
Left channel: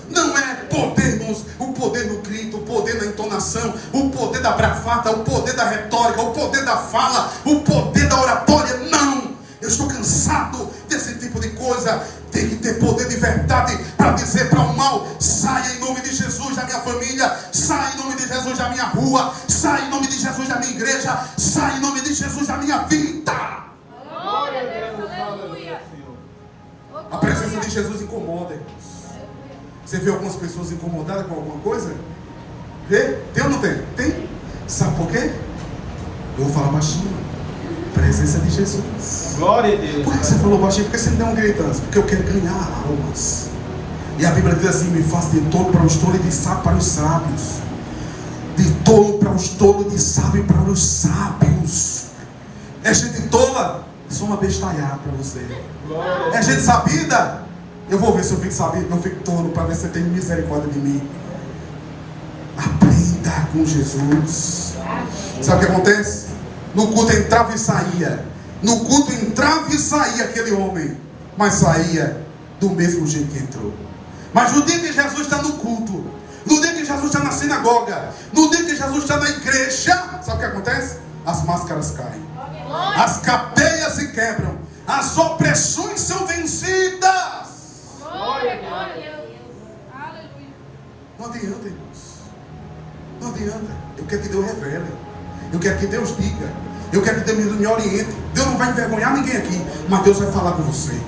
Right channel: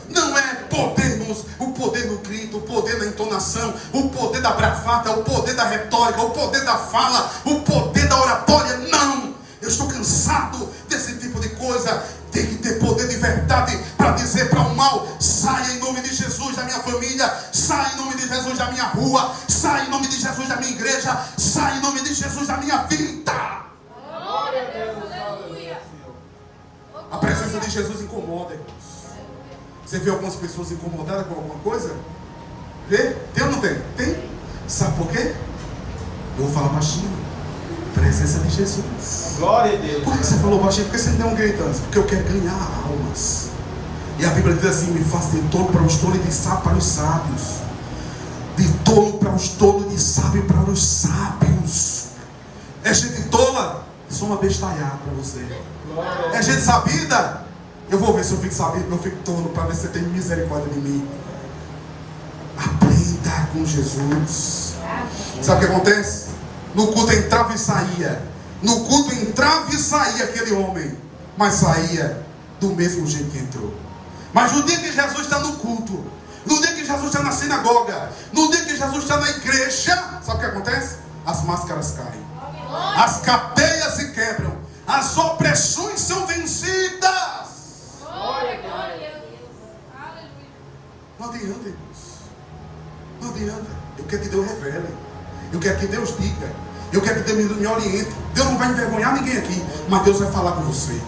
Não é poder, irmãos, o poder no grito, o poder na entonação, o poder da bravata, o poder da retórica, o poder da fala, o poder da oratória. Não! Eu estou cansado desse tipo de coisa. Tem que ter poder de verdade para dizer para o mal: sai em nome de Jesus da minha família, sai em nome de Jesus da minha rua, sai em nome de Jesus da minha igreja, sai em nome de Jesus da minha vida. A presença de Jesus incomoda, irmãos. Você vê algumas pessoas incomodadas com alguma coisa? Vê? Tem ou não tem? Tem? Sabe por quê? Eu vou falar baixinho. Presença de Jesus. Glória a Deus. Por que você falou baixinho? Por que você não deu um grito antes? Porque eu quero ganhar almas. E a Bíblia diz assim: me faça de tolo para os tolos e de sábio para os sábios. De tolo para os tolos e de sábio para os sábios. É gente tola? Sou uma bestalhada para você. É gente sabida? Eu vou ver se eu fico sabido, não fico tolo, para ver se você tem misericórdia de mim. Aprenda com Jesus. Sabe o que acontece? No culto entrava e saía. No culto entrava e saía aquele homem, mas saía do mesmo jeito que entrou. Mas no dia que Jesus está no culto, no dia que Jesus está na sinagoga, no dia que Jesus está na igreja, sabe o que acontece? As máscaras caem, as cadeias se quebram, as opressões são vencidas. Não adianta, irmãos. Não adianta. Eu quero que Deus revele. Eu quero que Deus diga. Eu quero que Deus me oriente. Deus não vai envergonhar ninguém aqui, mas Deus vai falar com você.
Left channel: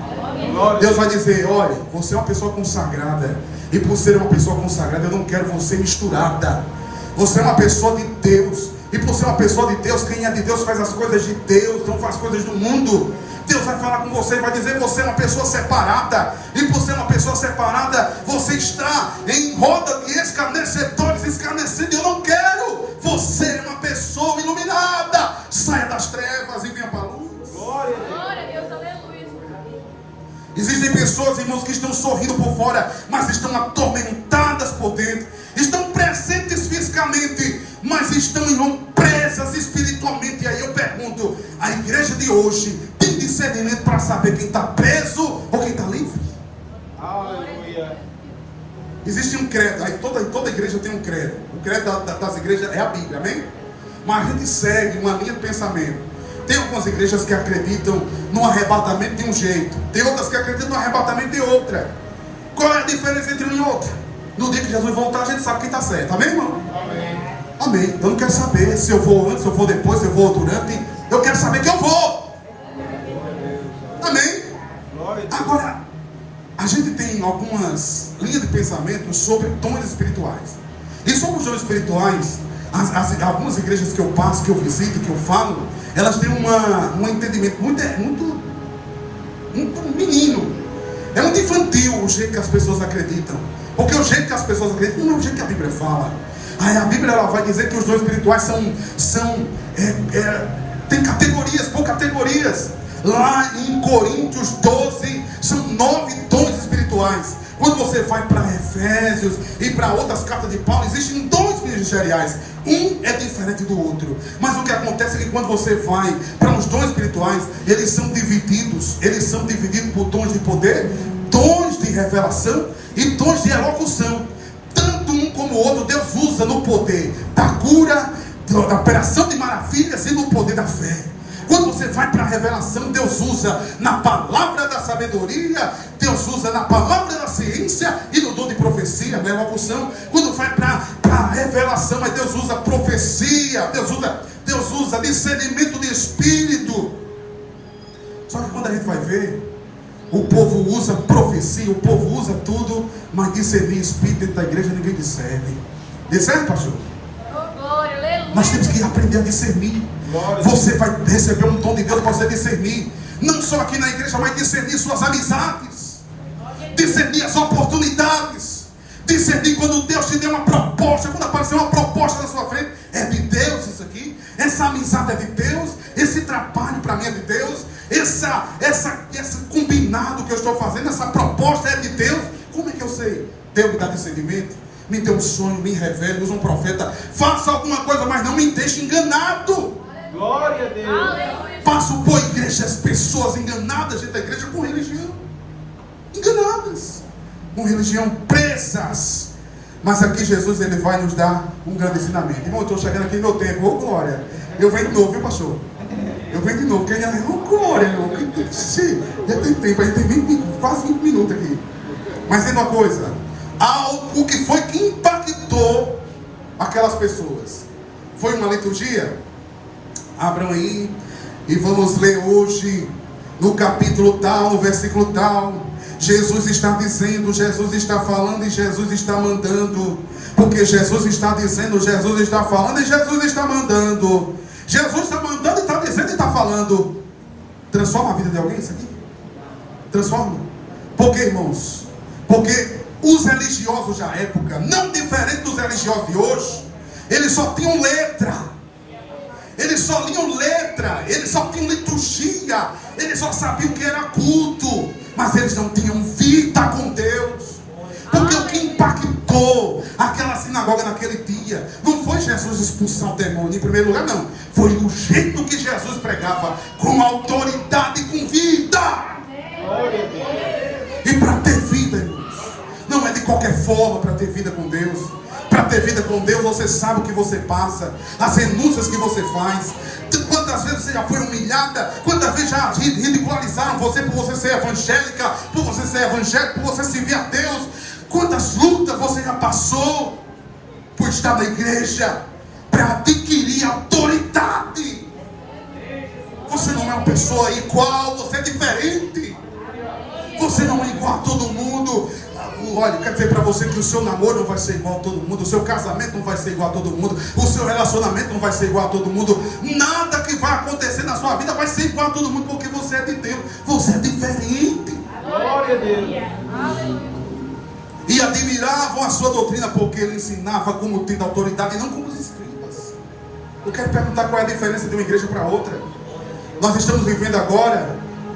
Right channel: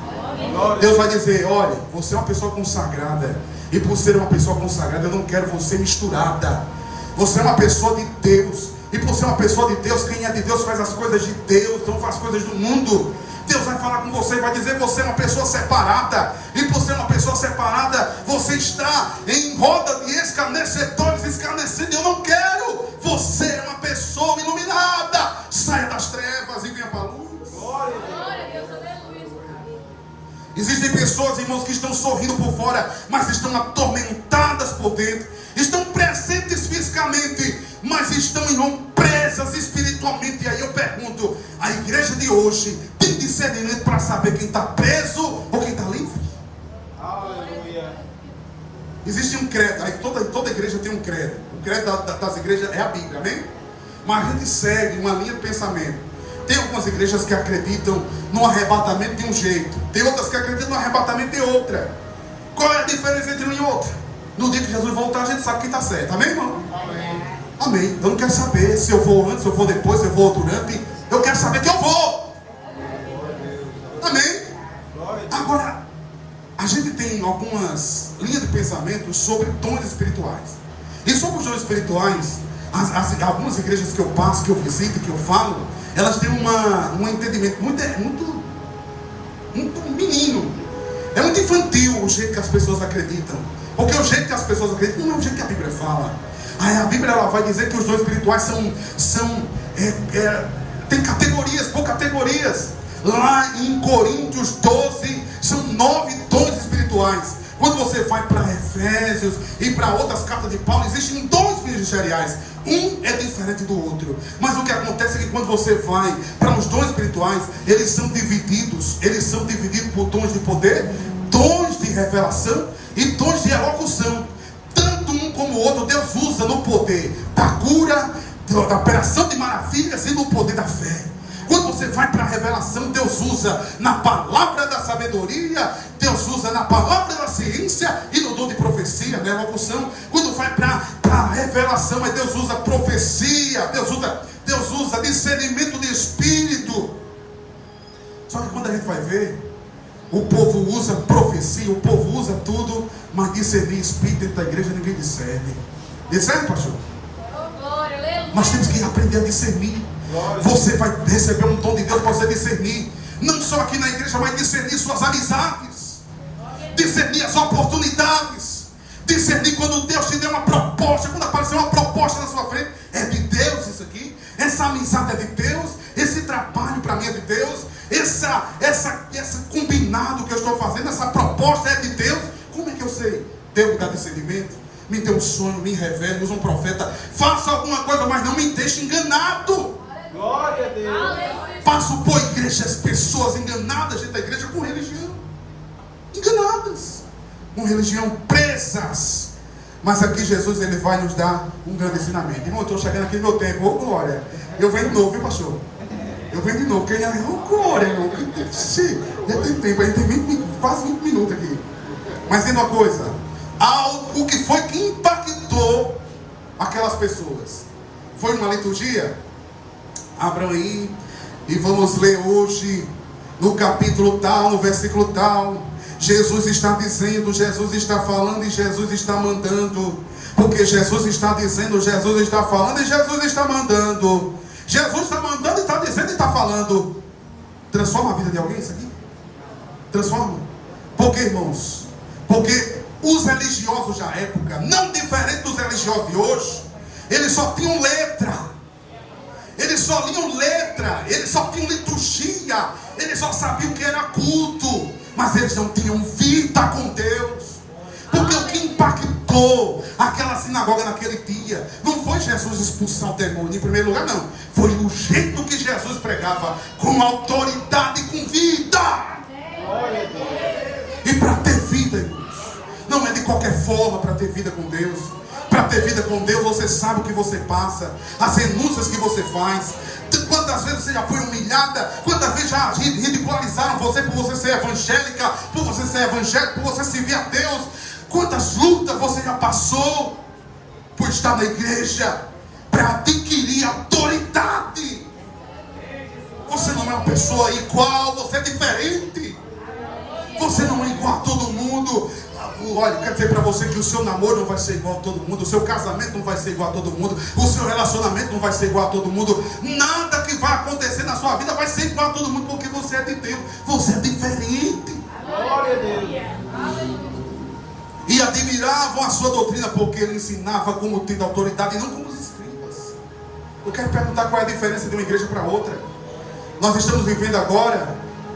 Deus vai dizer: olha, você é uma pessoa consagrada, e por ser uma pessoa consagrada, eu não quero você misturada. Você é uma pessoa de Deus, e por ser uma pessoa de Deus, quem é de Deus faz as coisas de Deus, não faz coisas do mundo. Deus vai falar com você, vai dizer: você é uma pessoa separada, e por ser uma pessoa separada, você está em roda de escarnecedores, escarnecendo. Eu não quero. Você é uma pessoa iluminada. Saia das trevas e venha para a luz. Glória a Deus. Existem pessoas, irmãos, que estão sorrindo por fora, mas estão atormentadas por dentro. Estão presentes fisicamente, mas estão presas espiritualmente. E aí eu pergunto: a igreja de hoje tem discernimento para saber quem está preso ou quem está livre? Aleluia. Existe um credo, aí toda igreja tem um credo. O credo das igrejas é a Bíblia, amém? Mas a gente segue uma linha de pensamento. Tem algumas igrejas que acreditam no arrebatamento de um jeito, tem outras que acreditam no arrebatamento de outra. Qual é a diferença entre uma e outra? No dia que Jesus voltar, a gente sabe quem está certo, amém, irmão? Amém. Amém. Eu não quero saber se eu vou antes, se eu vou depois, se eu vou durante. Eu quero saber que eu vou. Amém? Agora, a gente tem algumas linhas de pensamento sobre dons espirituais. E sobre os dons espirituais, algumas igrejas que eu passo, que eu visito, que eu falo, elas têm um entendimento muito menino. É muito infantil o jeito que as pessoas acreditam. Porque o jeito que as pessoas acreditam não é o jeito que a Bíblia fala. Aí a Bíblia ela vai dizer que os dons espirituais tem categorias, por categorias. Lá em Coríntios 12, são 9 dons espirituais. Quando você vai para Efésios e para outras cartas de Paulo, existem dons ministeriais. Um é diferente do outro. Mas o que acontece é que quando você vai para os dons espirituais, eles são divididos por dons de poder, dons de revelação e dons de elocução. Tanto um como no outro, Deus usa no poder da cura, da operação de maravilhas e no poder da fé. Quando você vai para a revelação, Deus usa na palavra da sabedoria, Deus usa na palavra da ciência e no dom de profecia, né, locução. Quando vai para a revelação, Deus usa profecia, Deus usa discernimento de espírito. Só que quando a gente vai ver, o povo usa profecia, o povo usa tudo, mas discernir espírito dentro da igreja ninguém discerne. Discerne, pastor? Nós temos que aprender a discernir. Você vai receber um dom de Deus para você discernir, não só aqui na igreja, mas discernir suas amizades, discernir as oportunidades, discernir quando Deus te deu uma proposta, quando apareceu uma proposta na sua frente, é de Deus isso aqui, essa amizade é de Deus, esse trabalho para mim é de Deus, esse combinado que eu estou fazendo, essa proposta é de Deus. Como é que eu sei? Deus me dá discernimento, me dê um sonho, me revele, usa um profeta, faça alguma coisa, mas não me deixe enganado. Glória a Deus. Passo por igrejas, pessoas enganadas dentro da igreja com religião, enganadas, com religião, presas. Mas aqui Jesus, ele vai nos dar um grande ensinamento. Irmão, eu estou chegando aqui no meu tempo, ô glória. Eu venho de novo, viu pastor? Eu venho de novo, porque ainda é glória, irmão. Já tem tempo, a gente tem quase 20 minutos aqui. Mas tem uma coisa, algo que foi que impactou aquelas pessoas. Foi uma liturgia? Abram aí e vamos ler hoje no capítulo tal, no versículo tal. Jesus está dizendo, Jesus está falando e Jesus está mandando. Porque Jesus está dizendo, Jesus está falando e Jesus está mandando. Jesus está mandando e está dizendo e está falando. Transforma a vida de alguém isso aqui? Transforma. Por que, irmãos? Porque os religiosos da época, não diferente dos religiosos de hoje, eles só tinham letra. Eles só liam letra, eles só tinham liturgia, eles só sabiam que era culto, mas eles não tinham vida com Deus. Porque o que impactou aquela sinagoga naquele dia não foi Jesus expulsar o demônio em primeiro lugar, não. Foi o jeito que Jesus pregava, com autoridade e com vida. E para ter vida, irmãos, não é de qualquer forma para ter vida com Deus. Para ter vida com Deus, você sabe o que você passa, as renúncias que você faz. Quantas vezes você já foi humilhada? Quantas vezes já ridicularizaram você por você ser evangélica, por você ser evangélico, por você servir a Deus? Quantas lutas você já passou por estar na igreja, para adquirir autoridade? Você não é uma pessoa igual, você é diferente. Você não é igual a todo mundo. Olha, quero dizer para você que o seu namoro não vai ser igual a todo mundo, o seu casamento não vai ser igual a todo mundo, o seu relacionamento não vai ser igual a todo mundo, nada que vai acontecer na sua vida vai ser igual a todo mundo, porque você é de Deus, você é diferente. Glória a Deus. E admiravam a sua doutrina, porque ele ensinava como tendo autoridade e não como os escribas. Eu quero perguntar qual é a diferença de uma igreja para outra. Nós estamos vivendo agora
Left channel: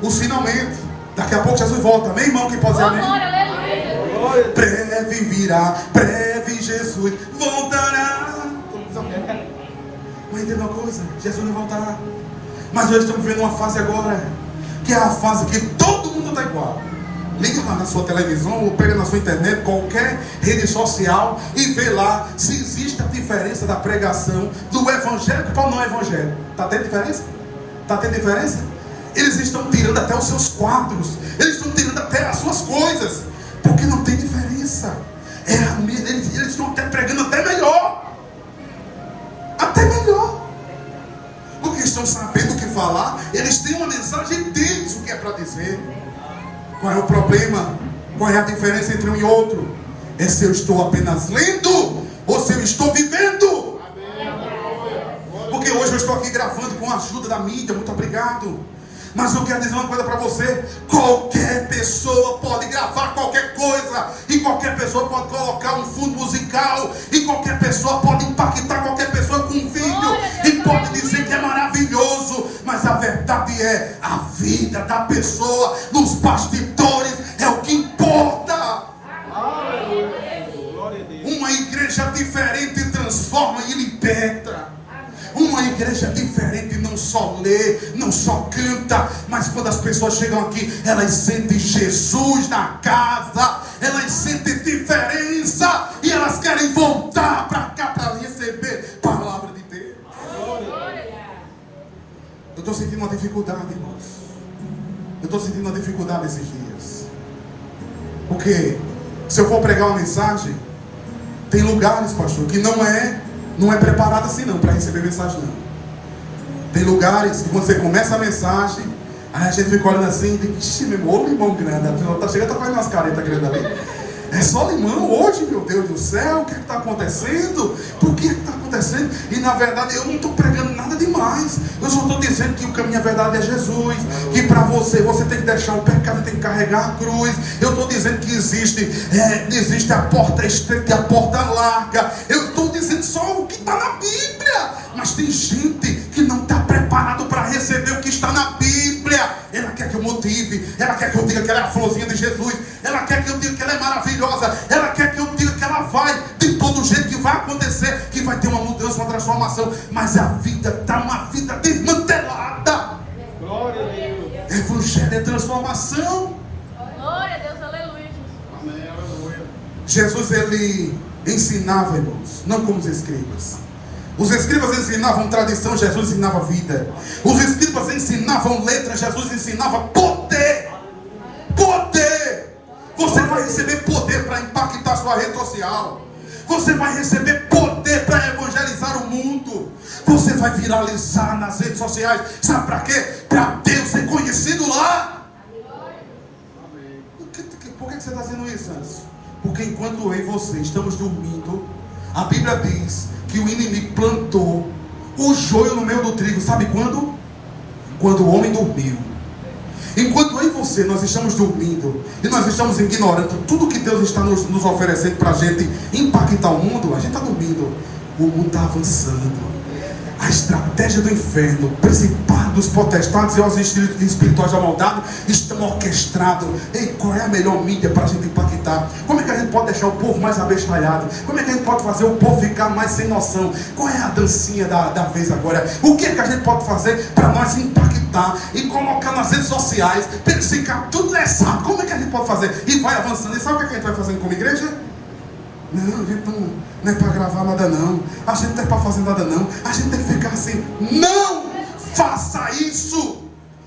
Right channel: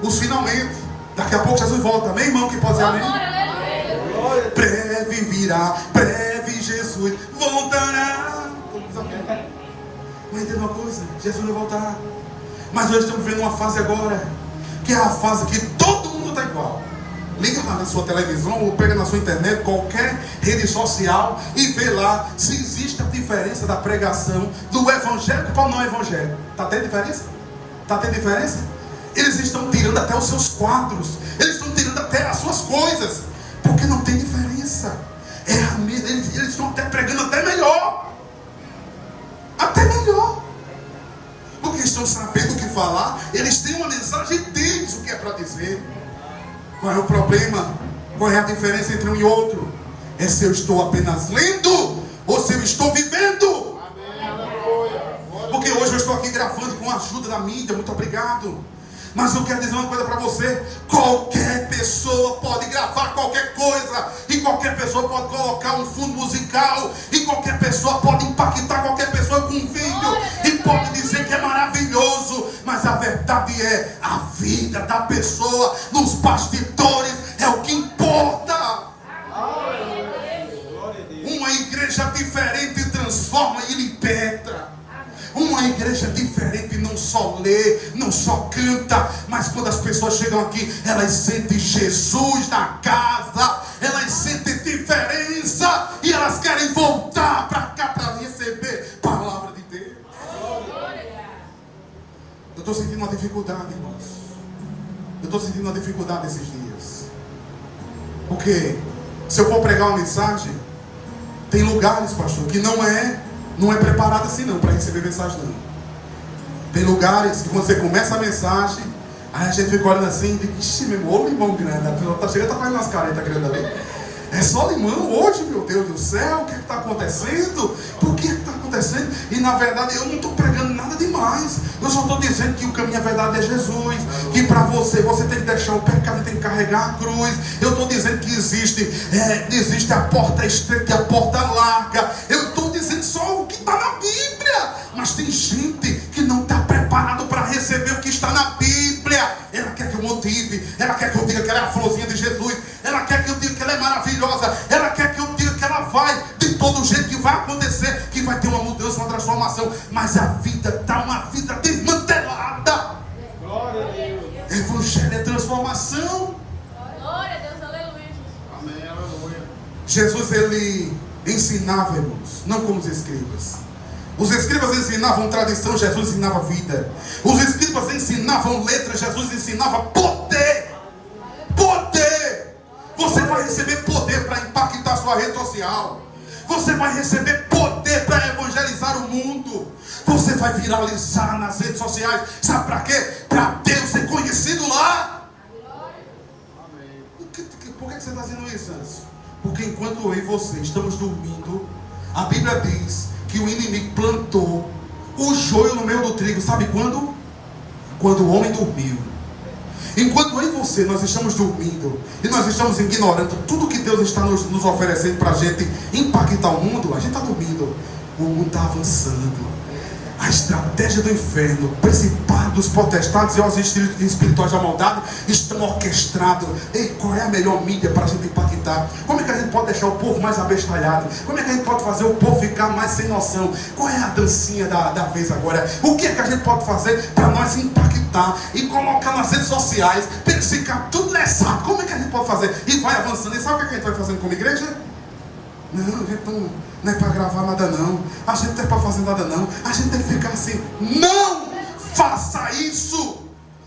os finalmente. Daqui a pouco Jesus volta, amém, irmão? Que pode dizer amém? Breve virá, breve Jesus voltará. Mas tem uma coisa, Jesus não voltará. Mas nós estamos vivendo uma fase agora, que é a fase que todo mundo está igual. Liga lá na sua televisão, ou pega na sua internet, qualquer rede social, e vê lá se existe a diferença da pregação do evangélico para o não evangélico. Está tendo diferença? Está tendo diferença? Eles estão tirando até os seus quadros, eles estão tirando até as suas coisas, porque não tem diferença. Eles estão até pregando até melhor. Até melhor. Porque estão sabendo o que falar. Eles têm uma mensagem deles, o que é para dizer. Qual é o problema? Qual é a diferença entre um e outro? É se eu estou apenas lendo ou se eu estou vivendo. Porque hoje eu estou aqui gravando com a ajuda da mídia. Muito obrigado. Mas eu quero dizer uma coisa para você: qualquer pessoa pode gravar qualquer coisa, e qualquer pessoa pode colocar um fundo musical, e qualquer pessoa pode impactar qualquer pessoa com um vídeo, e pode dizer que é maravilhoso, mas a verdade é a vida da pessoa nos bastidores é o que importa. Uma igreja diferente transforma e liberta. Uma igreja diferente não só lê, não só canta, mas quando as pessoas chegam aqui, elas sentem Jesus na casa, elas sentem diferença e elas querem voltar. estou sentindo uma dificuldade, irmãos. Eu estou sentindo uma dificuldade esses dias. Porque se eu for pregar uma mensagem, tem lugares, pastor, que não é preparado assim não, para receber mensagem não. Tem lugares que quando você começa a mensagem, aí a gente fica olhando assim e diz, ixi, meu irmão, ô limão grande, a pessoa tá chegando, tá fazendo umas caretas grandes ali. É só limão hoje, meu Deus do céu, o que está acontecendo? Por que está acontecendo? E na verdade eu não estou pregando nada demais. Eu só estou dizendo que o caminho, a verdade é Jesus. Que para você tem que deixar o pecado, tem que carregar a cruz. Eu estou dizendo que existe a porta estreita e a porta larga. Eu estou dizendo só o que está na Bíblia. Mas tem gente que não está preparado para receber o que está na Bíblia. Ela quer que eu motive, ela quer que eu diga que ela é a florzinha de Jesus, ela quer que eu diga que ela é maravilhosa, ela quer que eu diga que ela vai, de todo jeito que vai acontecer, que vai ter uma mudança, uma transformação, mas a vida está uma vida desmantelada. Glória a Deus. Evangelho é transformação. Glória a Deus, aleluia. Amém, aleluia. Jesus, ele ensinava, irmãos, não como os escribas. Os escribas ensinavam tradição, Jesus ensinava vida. Os escribas ensinavam letra, Jesus ensinava poder. Poder. Você vai receber poder para impactar sua rede social. Você vai receber poder para evangelizar o mundo. Você vai viralizar nas redes sociais. Sabe para quê? Para Deus ser conhecido lá. Por que você está dizendo isso, Anderson? Porque enquanto eu e você estamos dormindo, a Bíblia diz que o inimigo plantou o joio no meio do trigo. Sabe quando? Quando o homem dormiu. Enquanto eu e você, nós estamos dormindo e nós estamos ignorando tudo que Deus está nos oferecendo para a gente impactar o mundo, a gente está dormindo. O mundo está avançando. A estratégia do inferno, principados, potestades e os espirituais da maldade estão orquestrados. Ei, qual é a melhor mídia para a gente impactar? Como é que a gente pode deixar o povo mais abestalhado? Como é que a gente pode fazer o povo ficar mais sem noção? Qual é a dancinha da vez agora? O que é que a gente pode fazer para nós impactar e colocar nas redes sociais, ficar tudo lesado? Como é que a gente pode fazer? E vai avançando. E sabe o que a gente vai fazendo como igreja? Não, a gente não é para gravar nada não. A gente não é para fazer nada não. A gente tem que ficar assim. Não faça isso.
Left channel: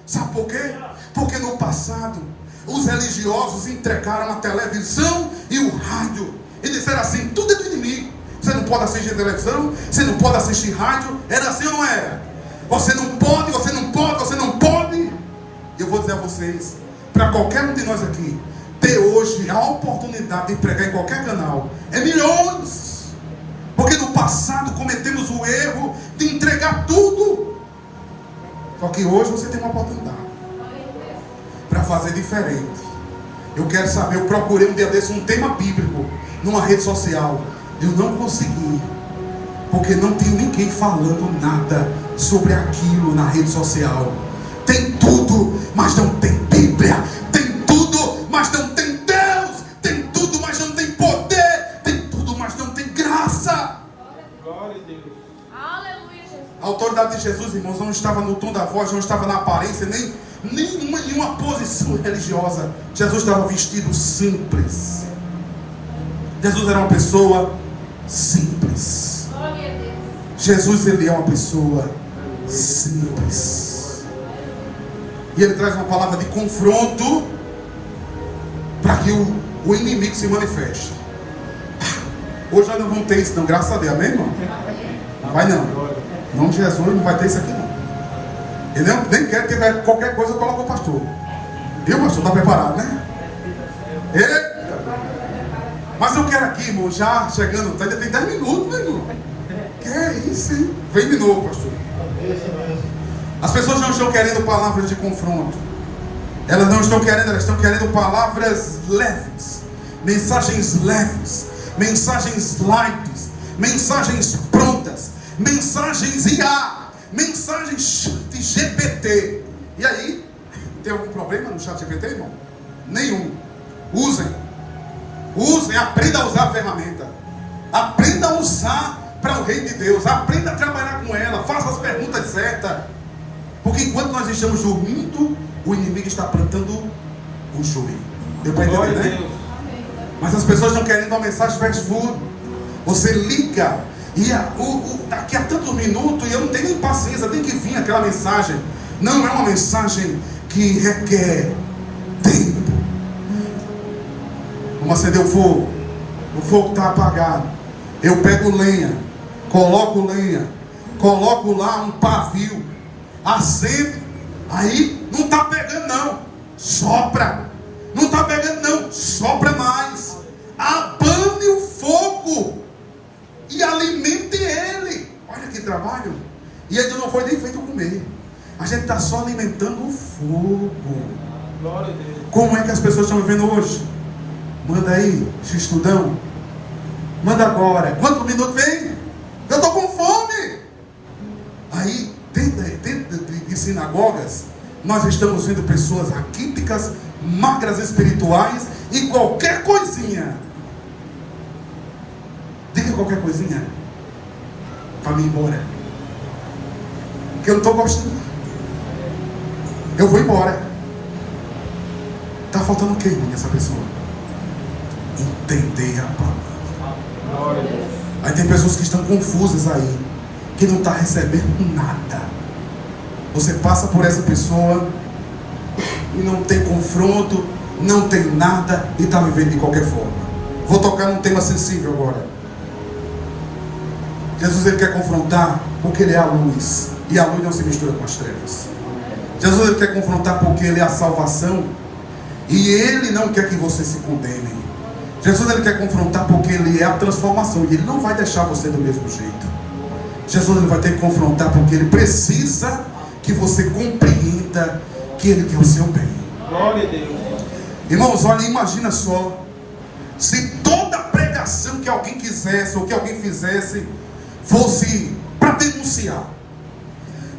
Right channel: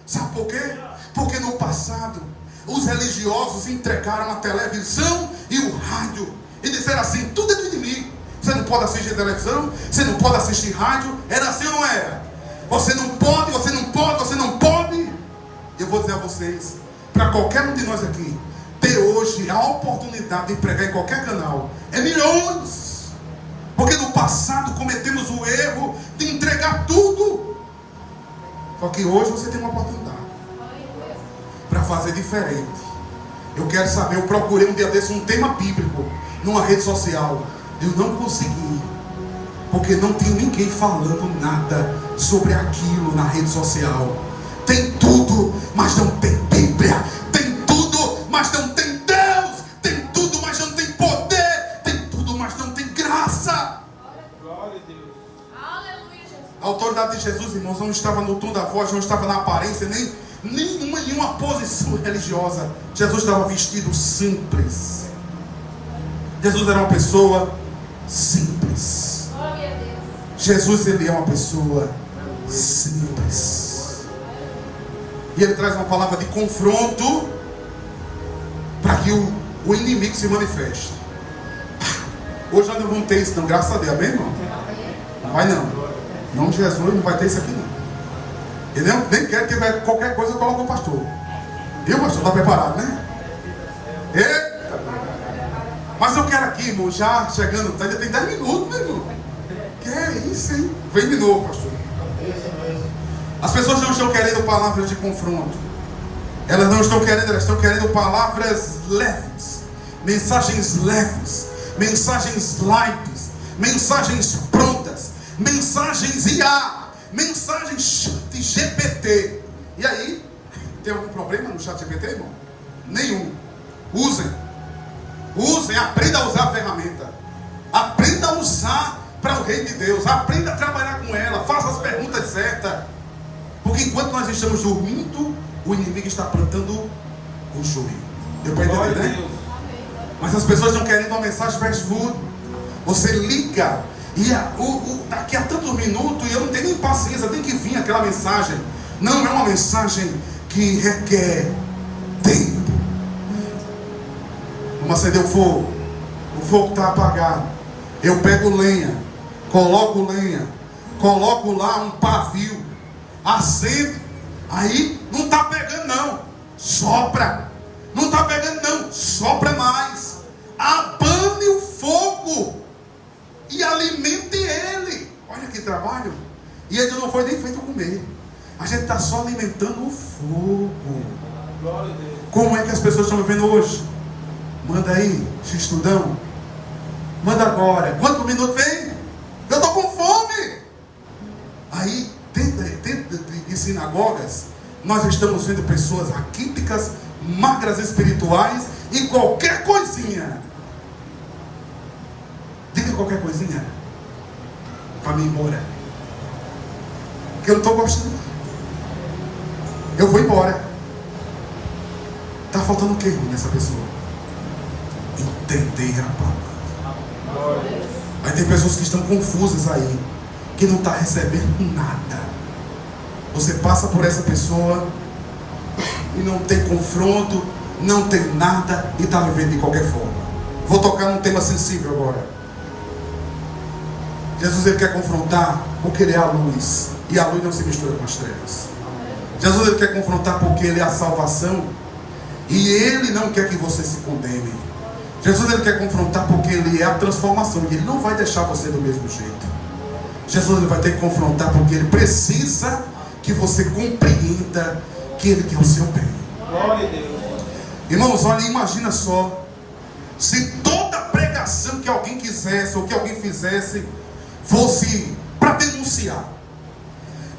Sabe por quê? Porque no passado os religiosos entregaram a televisão e o rádio e disseram assim, tudo é do inimigo. Você não pode assistir televisão, você não pode assistir rádio. Era assim ou não era? Você não pode, você não pode, você não pode. Eu vou dizer a vocês, para qualquer um de nós aqui ter hoje a oportunidade de pregar em qualquer canal é milhões. Porque no passado cometemos o erro de entregar tudo. Só que hoje você tem uma oportunidade para fazer diferente. Eu quero saber, eu procurei um dia desse um tema bíblico numa rede social. Eu não consegui, porque não tem ninguém falando nada sobre aquilo na rede social. Tem tudo, mas não tem Bíblia. Tem tudo, mas não tem Deus. Tem tudo, mas não tem poder. Tem tudo, mas não tem graça. Glória a Deus. Aleluia, Jesus. A autoridade de Jesus, irmãos, não estava no tom da voz, não estava na aparência, nem nenhuma posição religiosa. Jesus estava vestido simples. Jesus era uma pessoa simples. Glória a Deus. Jesus, ele é uma pessoa simples. E ele traz uma palavra de confronto para que o inimigo se manifeste. Hoje nós não vamos ter isso não, graças a Deus, amém, irmão? Não vai não. Em nome de Jesus não vai ter isso aqui não. Ele nem quer que tiver qualquer coisa, coloca o pastor. Viu, pastor? Está preparado, né? Mas eu quero aqui, irmão, já chegando, ainda tem 10 minutos, meu irmão. Que é isso, hein? Vem de novo, pastor. As pessoas não estão querendo palavras de confronto. Elas não estão querendo, elas estão querendo palavras leves. Mensagens leves. Mensagens light. Mensagens prontas. Mensagens IA. Mensagens de GPT. E aí, tem algum problema no chat GPT, irmão? Nenhum. Usem, aprenda a usar a ferramenta. Aprenda a usar para o reino de Deus. Aprenda a trabalhar com ela. Faça as perguntas certas. Porque enquanto nós estamos dormindo, o inimigo está plantando o joio. Deu para entender, né? Mas as pessoas não querem uma mensagem fast food. Você liga e daqui a tantos minutos, e eu não tenho nem paciência, tem que vir aquela mensagem. Não é uma mensagem que requer tempo. Vamos acender o fogo está apagado. Eu pego lenha, coloco lá um pavio, acendo, aí não está pegando não, sopra. Não está pegando não, sopra mais. Abane o fogo e alimente ele. Olha que trabalho. E ele não foi nem feito comer. A gente está só alimentando o fogo. Como é que as pessoas estão vivendo hoje? Manda aí, Xistudão. Manda agora. Quantos minutos vem? Eu estou com fome. Aí, dentro de sinagogas, nós estamos vendo pessoas raquíticas, magras espirituais e qualquer coisinha. Diga qualquer coisinha para mim ir embora. Porque eu não estou gostando. Eu vou embora. Está faltando o que nessa pessoa? Entender a palavra. Aí tem pessoas que estão confusas aí, que não está recebendo nada. Você passa por essa pessoa e não tem confronto, não tem nada e está vivendo de qualquer forma. Vou tocar num tema sensível agora. Jesus ele quer confrontar porque ele é a luz, e a luz não se mistura com as trevas. Jesus ele quer confrontar porque ele é a salvação, e ele não quer que você se condene. Jesus ele quer confrontar porque ele é a transformação, e ele não vai deixar você do mesmo jeito. Jesus ele vai ter que confrontar porque ele precisa que você compreenda que ele quer o seu bem. Glória a Deus. Irmãos, olha, imagina só, se toda pregação que alguém quisesse ou que alguém fizesse fosse para denunciar,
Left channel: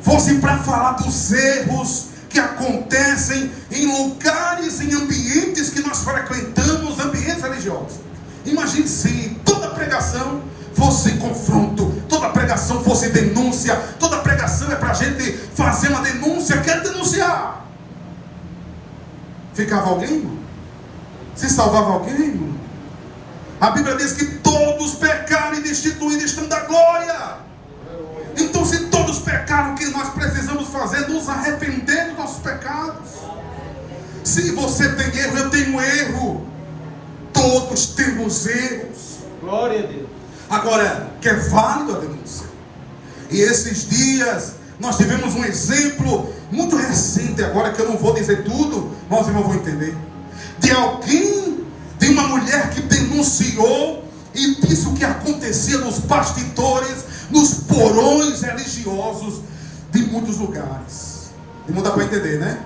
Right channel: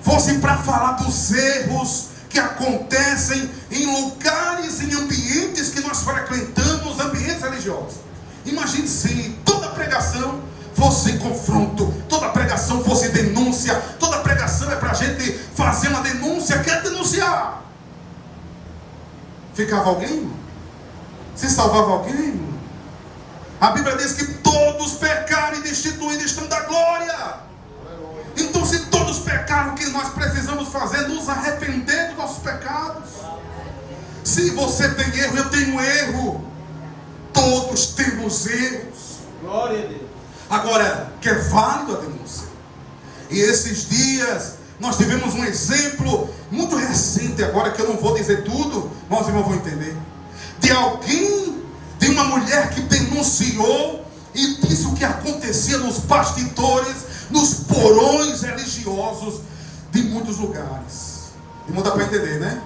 fosse para falar dos erros que acontecem em lugares, em ambientes que nós frequentamos, ambientes religiosos. Imagine se toda pregação fosse confronto, toda pregação fosse denúncia, toda pregação é para a gente fazer uma denúncia, quer denunciar. Ficava alguém, irmão? Se salvava alguém, irmão? A Bíblia diz que todos pecaram e destituídos estão da glória. Então, se todos pecaram, o que nós precisamos fazer? Nos arrepender dos nossos pecados. Se você tem erro, eu tenho erro. Todos temos erros. Glória a Deus. Agora, que é válido a denúncia. E esses dias, nós tivemos um exemplo muito recente, agora que eu não vou dizer tudo, mas os irmãos vão entender. De alguém, de uma mulher que denunciou e disse o que acontecia nos bastidores, nos porões religiosos de muitos lugares. E não dá para entender, né?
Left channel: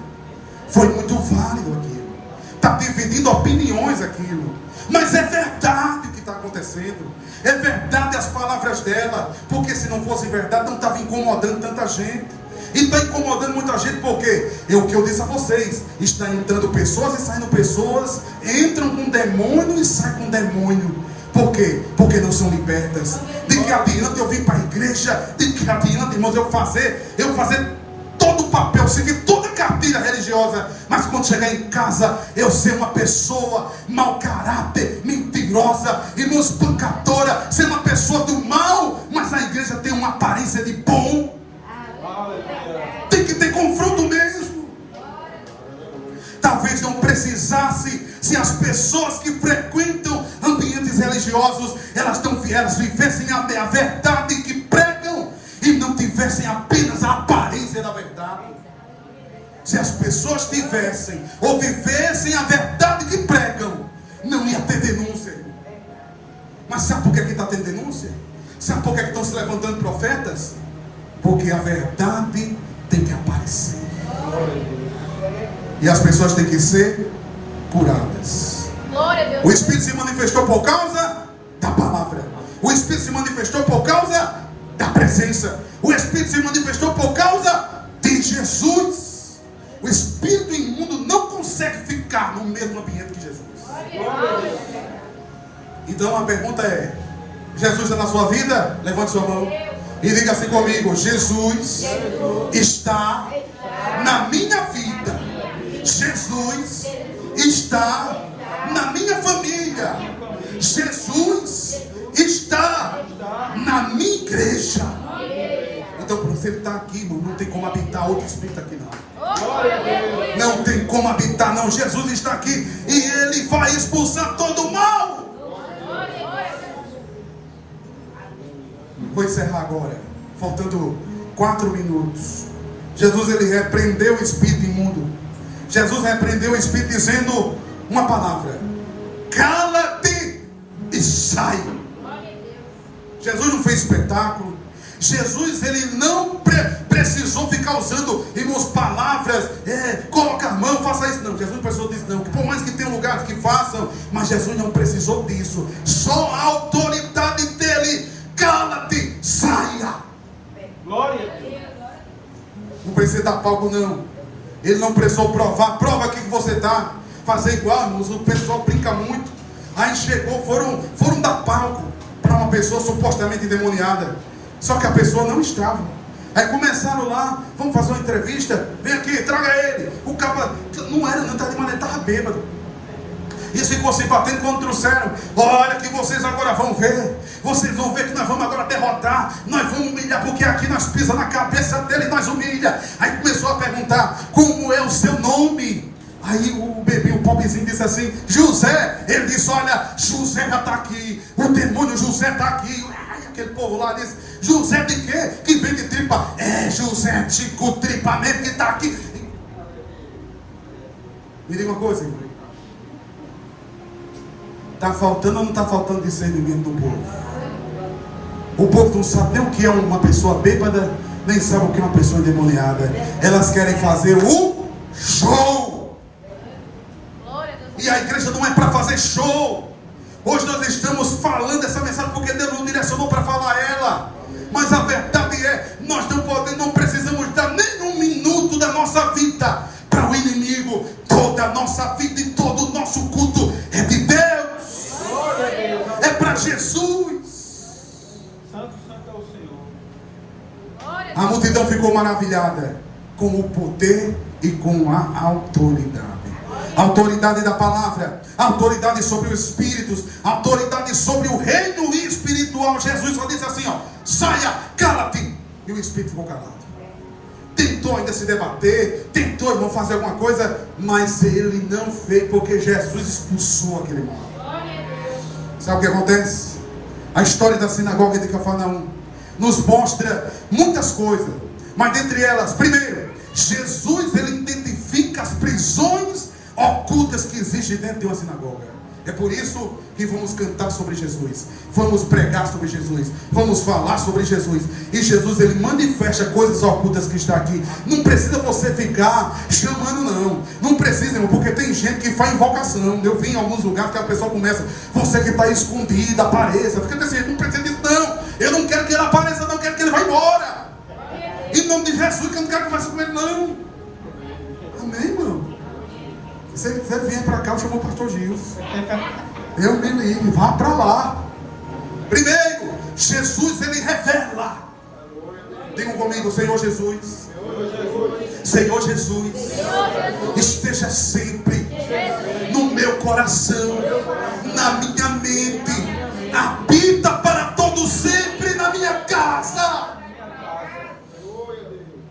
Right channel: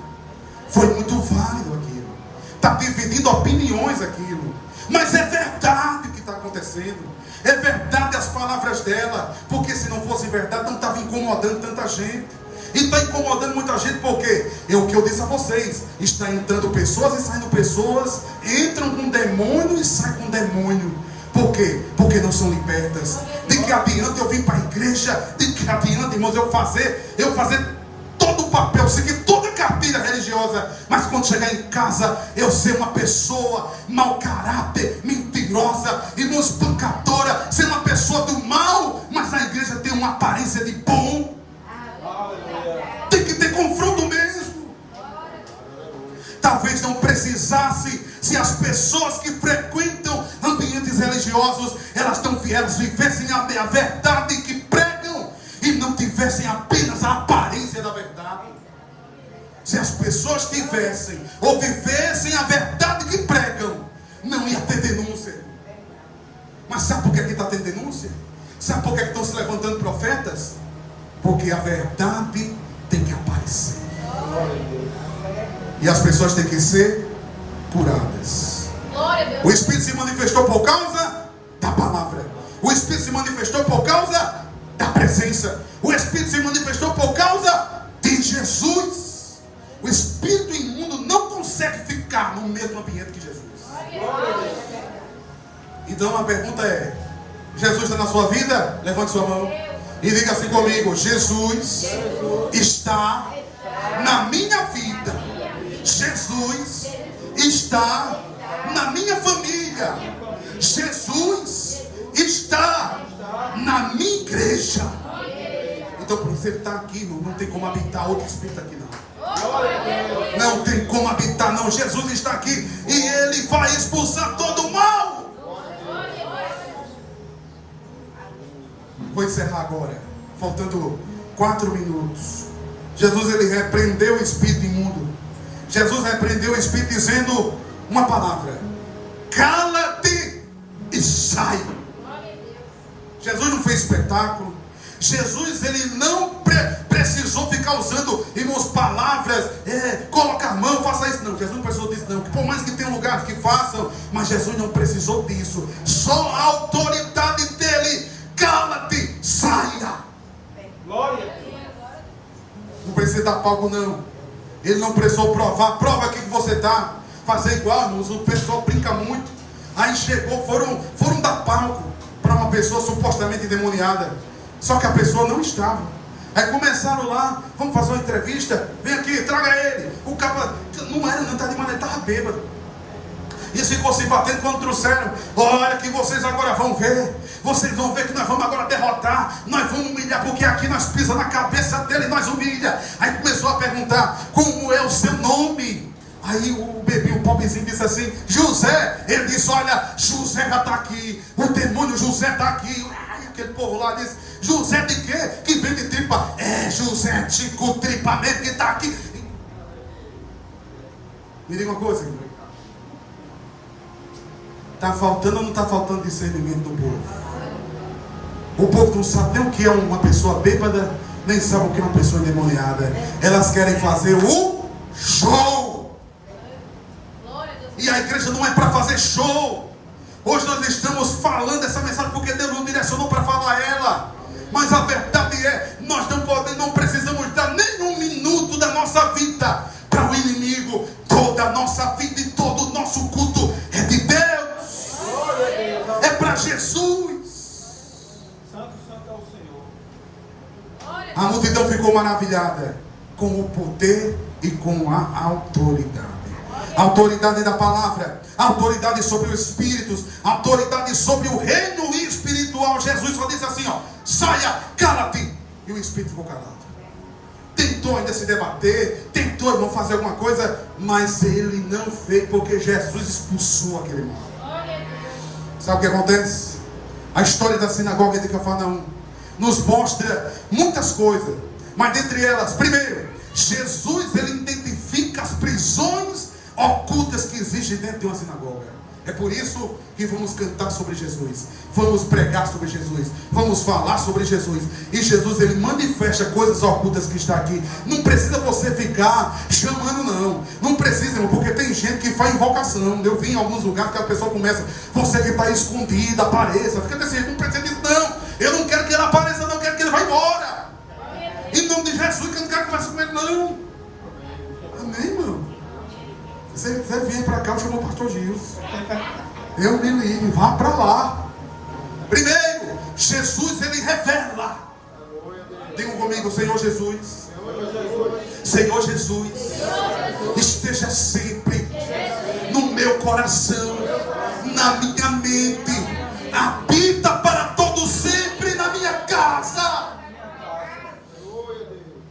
Foi muito válido aquilo. Está dividindo opiniões aquilo. Mas é verdade o que está acontecendo. É verdade as palavras dela. Porque se não fosse verdade, não estava incomodando tanta gente. E está incomodando muita gente porque é o que eu disse a vocês. Está entrando pessoas e saindo pessoas. Entram com demônio e saem com demônio. Por quê? Porque não são libertas. De que adianta eu vir para a igreja? De que adianta, irmãos, eu fazer todo o papel, seguir toda a cartilha religiosa, mas quando chegar em casa, eu ser uma pessoa mau caráter, mentirosa, irmão, espancadora, ser uma pessoa do mal, mas a igreja tem uma aparência de bom. Tem que ter confronto mesmo. Talvez não precisasse, se as pessoas que frequentam ambientes religiosos, elas vivessem a verdade que pregam e não tivessem apenas a aparência da verdade. Se as pessoas tivessem ou vivessem a verdade que pregam, não ia ter denúncia. Mas sabe por que está tendo denúncia? Sabe por que estão se levantando profetas? Porque a verdade tem que aparecer. E as pessoas têm que ser curadas. O Espírito se manifestou por causa da palavra. O Espírito se manifestou por causa da presença. O Espírito se manifestou por causa de Jesus. O espírito imundo não consegue ficar no mesmo ambiente que Jesus. Então a pergunta é: Jesus está na sua vida? Levante sua mão e diga assim comigo: Jesus está na minha vida. Jesus está na minha família. Jesus está na minha igreja. Então, por você estar aqui, irmão, não tem como habitar outro espírito aqui, não. Glória a Deus. Não tem como habitar, não. Jesus está aqui e Ele vai expulsar todo o mal. Vou encerrar agora, faltando 4 minutos. Jesus, Ele repreendeu o espírito imundo. Jesus repreendeu o espírito dizendo uma palavra: cala-te e sai. Jesus não fez espetáculo. Jesus, Ele não precisou ficar usando, irmãos, palavras, coloca a mão, faça isso. Não, Jesus não precisou disso, não. Por mais que tenha lugares que façam, mas Jesus não precisou disso. Só a autoridade dele: cala-te, saia. Glória a Deus. Não precisa dar palco, não. Ele não precisou provar. Prova aqui que você está. Fazer igual, irmãos. O pessoal brinca muito. Aí chegou, foram dar palco para uma pessoa supostamente endemoniada. Só que a pessoa não estava. Aí começaram lá, vamos fazer uma entrevista. Vem aqui, traga ele. O capa não era, não estava de maneira, estava bêbado. E ficou se batendo quando trouxeram. Olha que vocês agora vão ver. Vocês vão ver que nós vamos agora derrotar. Nós vamos humilhar, porque aqui nós pisamos na cabeça dele e nós humilha. Aí começou a perguntar: como é o seu nome? Aí o bebinho, o pobrezinho, disse assim: José. Ele disse: olha, José já está aqui. O demônio José está aqui. Aí aquele povo lá disse: José de quê? Que vem de tripa. É José Tico Tripa mesmo que está aqui. Me diga uma coisa, irmão. Está faltando ou não está faltando discernimento no povo? O povo não sabe nem o que é uma pessoa bêbada, nem sabe o que é uma pessoa endemoniada. Elas querem fazer o show. E a igreja não é para fazer show. Hoje nós estamos falando essa mensagem porque Deus nos direcionou para falar ela. Mas a verdade é, nós não precisamos dar nem um minuto da nossa vida para o inimigo. Toda a nossa vida e todo o nosso culto é de Deus. É para Jesus. Santo, santo é o Senhor. A multidão ficou maravilhada com o poder e com a autoridade. A autoridade da palavra, a autoridade sobre os espíritos, a autoridade sobre o reino espiritual. Jesus só disse assim, ó: saia, cala-te. E o espírito ficou calado. Tentou ainda se debater, tentou, irmão, fazer alguma coisa, mas ele não fez, porque Jesus expulsou aquele mal. Sabe o que acontece? A história da sinagoga de Cafarnaum nos mostra muitas coisas, mas dentre elas, primeiro, Jesus, ele identifica as prisões ocultas que existem dentro de uma sinagoga. É por isso que vamos cantar sobre Jesus, vamos pregar sobre Jesus, vamos falar sobre Jesus. E Jesus, ele manifesta coisas ocultas que está aqui. Não precisa você ficar chamando, não precisa, irmão, porque tem gente que faz invocação. Eu vi em alguns lugares que a pessoa começa: você que está escondido, apareça. Fica desse jeito, não precisa disso, não. Eu não quero que ele apareça, não, eu quero que ele vá embora. Em nome de Jesus, que eu não quero conversar com ele, não. Amém, irmão? Se ele vier para cá, eu chamo o pastor Gilson. Eu me livre, vá para lá. Primeiro, Jesus, ele revela. Diga comigo: Senhor Jesus. Senhor Jesus, esteja sempre no meu coração, na minha mente. Habita para todo sempre na minha casa.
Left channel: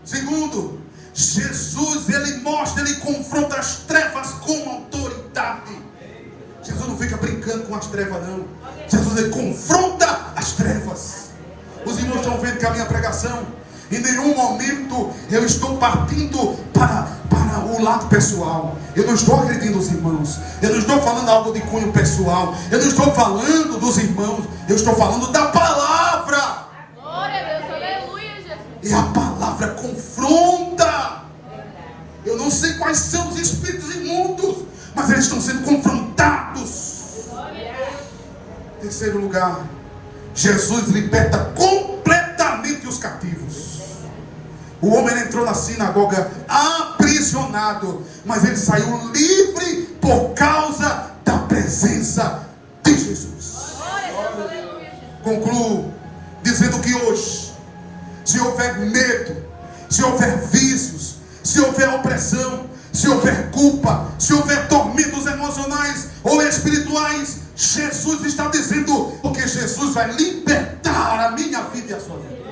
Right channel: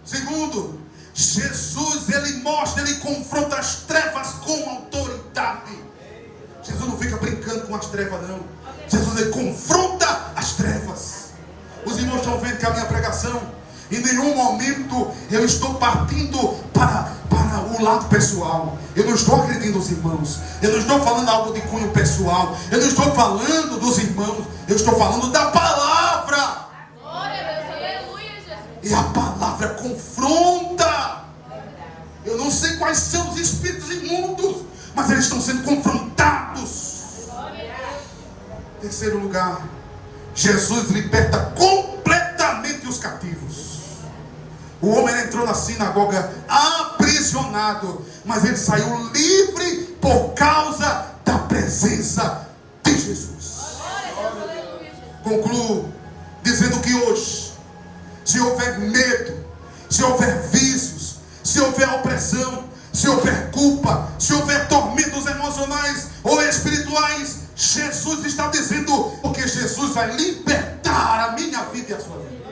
Segundo, Jesus, ele mostra, ele confronta as trevas com autoridade. Jesus não fica brincando com as trevas, não. Jesus, ele confronta as trevas. Os irmãos estão vendo que a minha pregação, em nenhum momento eu estou partindo para o lado pessoal. Eu não estou agredindo os irmãos. Eu não estou falando algo de cunho pessoal. Eu não estou falando dos irmãos. Eu estou falando da palavra. E a palavra confronta. Eu não sei quais são os espíritos imundos, mas eles estão sendo confrontados. Terceiro lugar, Jesus liberta completamente os cativos. O homem entrou na sinagoga aprisionado, mas ele saiu livre por causa da presença de Jesus. Concluo dizendo que hoje, se houver medo, se houver vícios, se houver opressão, se houver culpa, se houver tormentos emocionais ou espirituais, Jesus está dizendo, porque Jesus vai libertar a minha vida e a sua vida.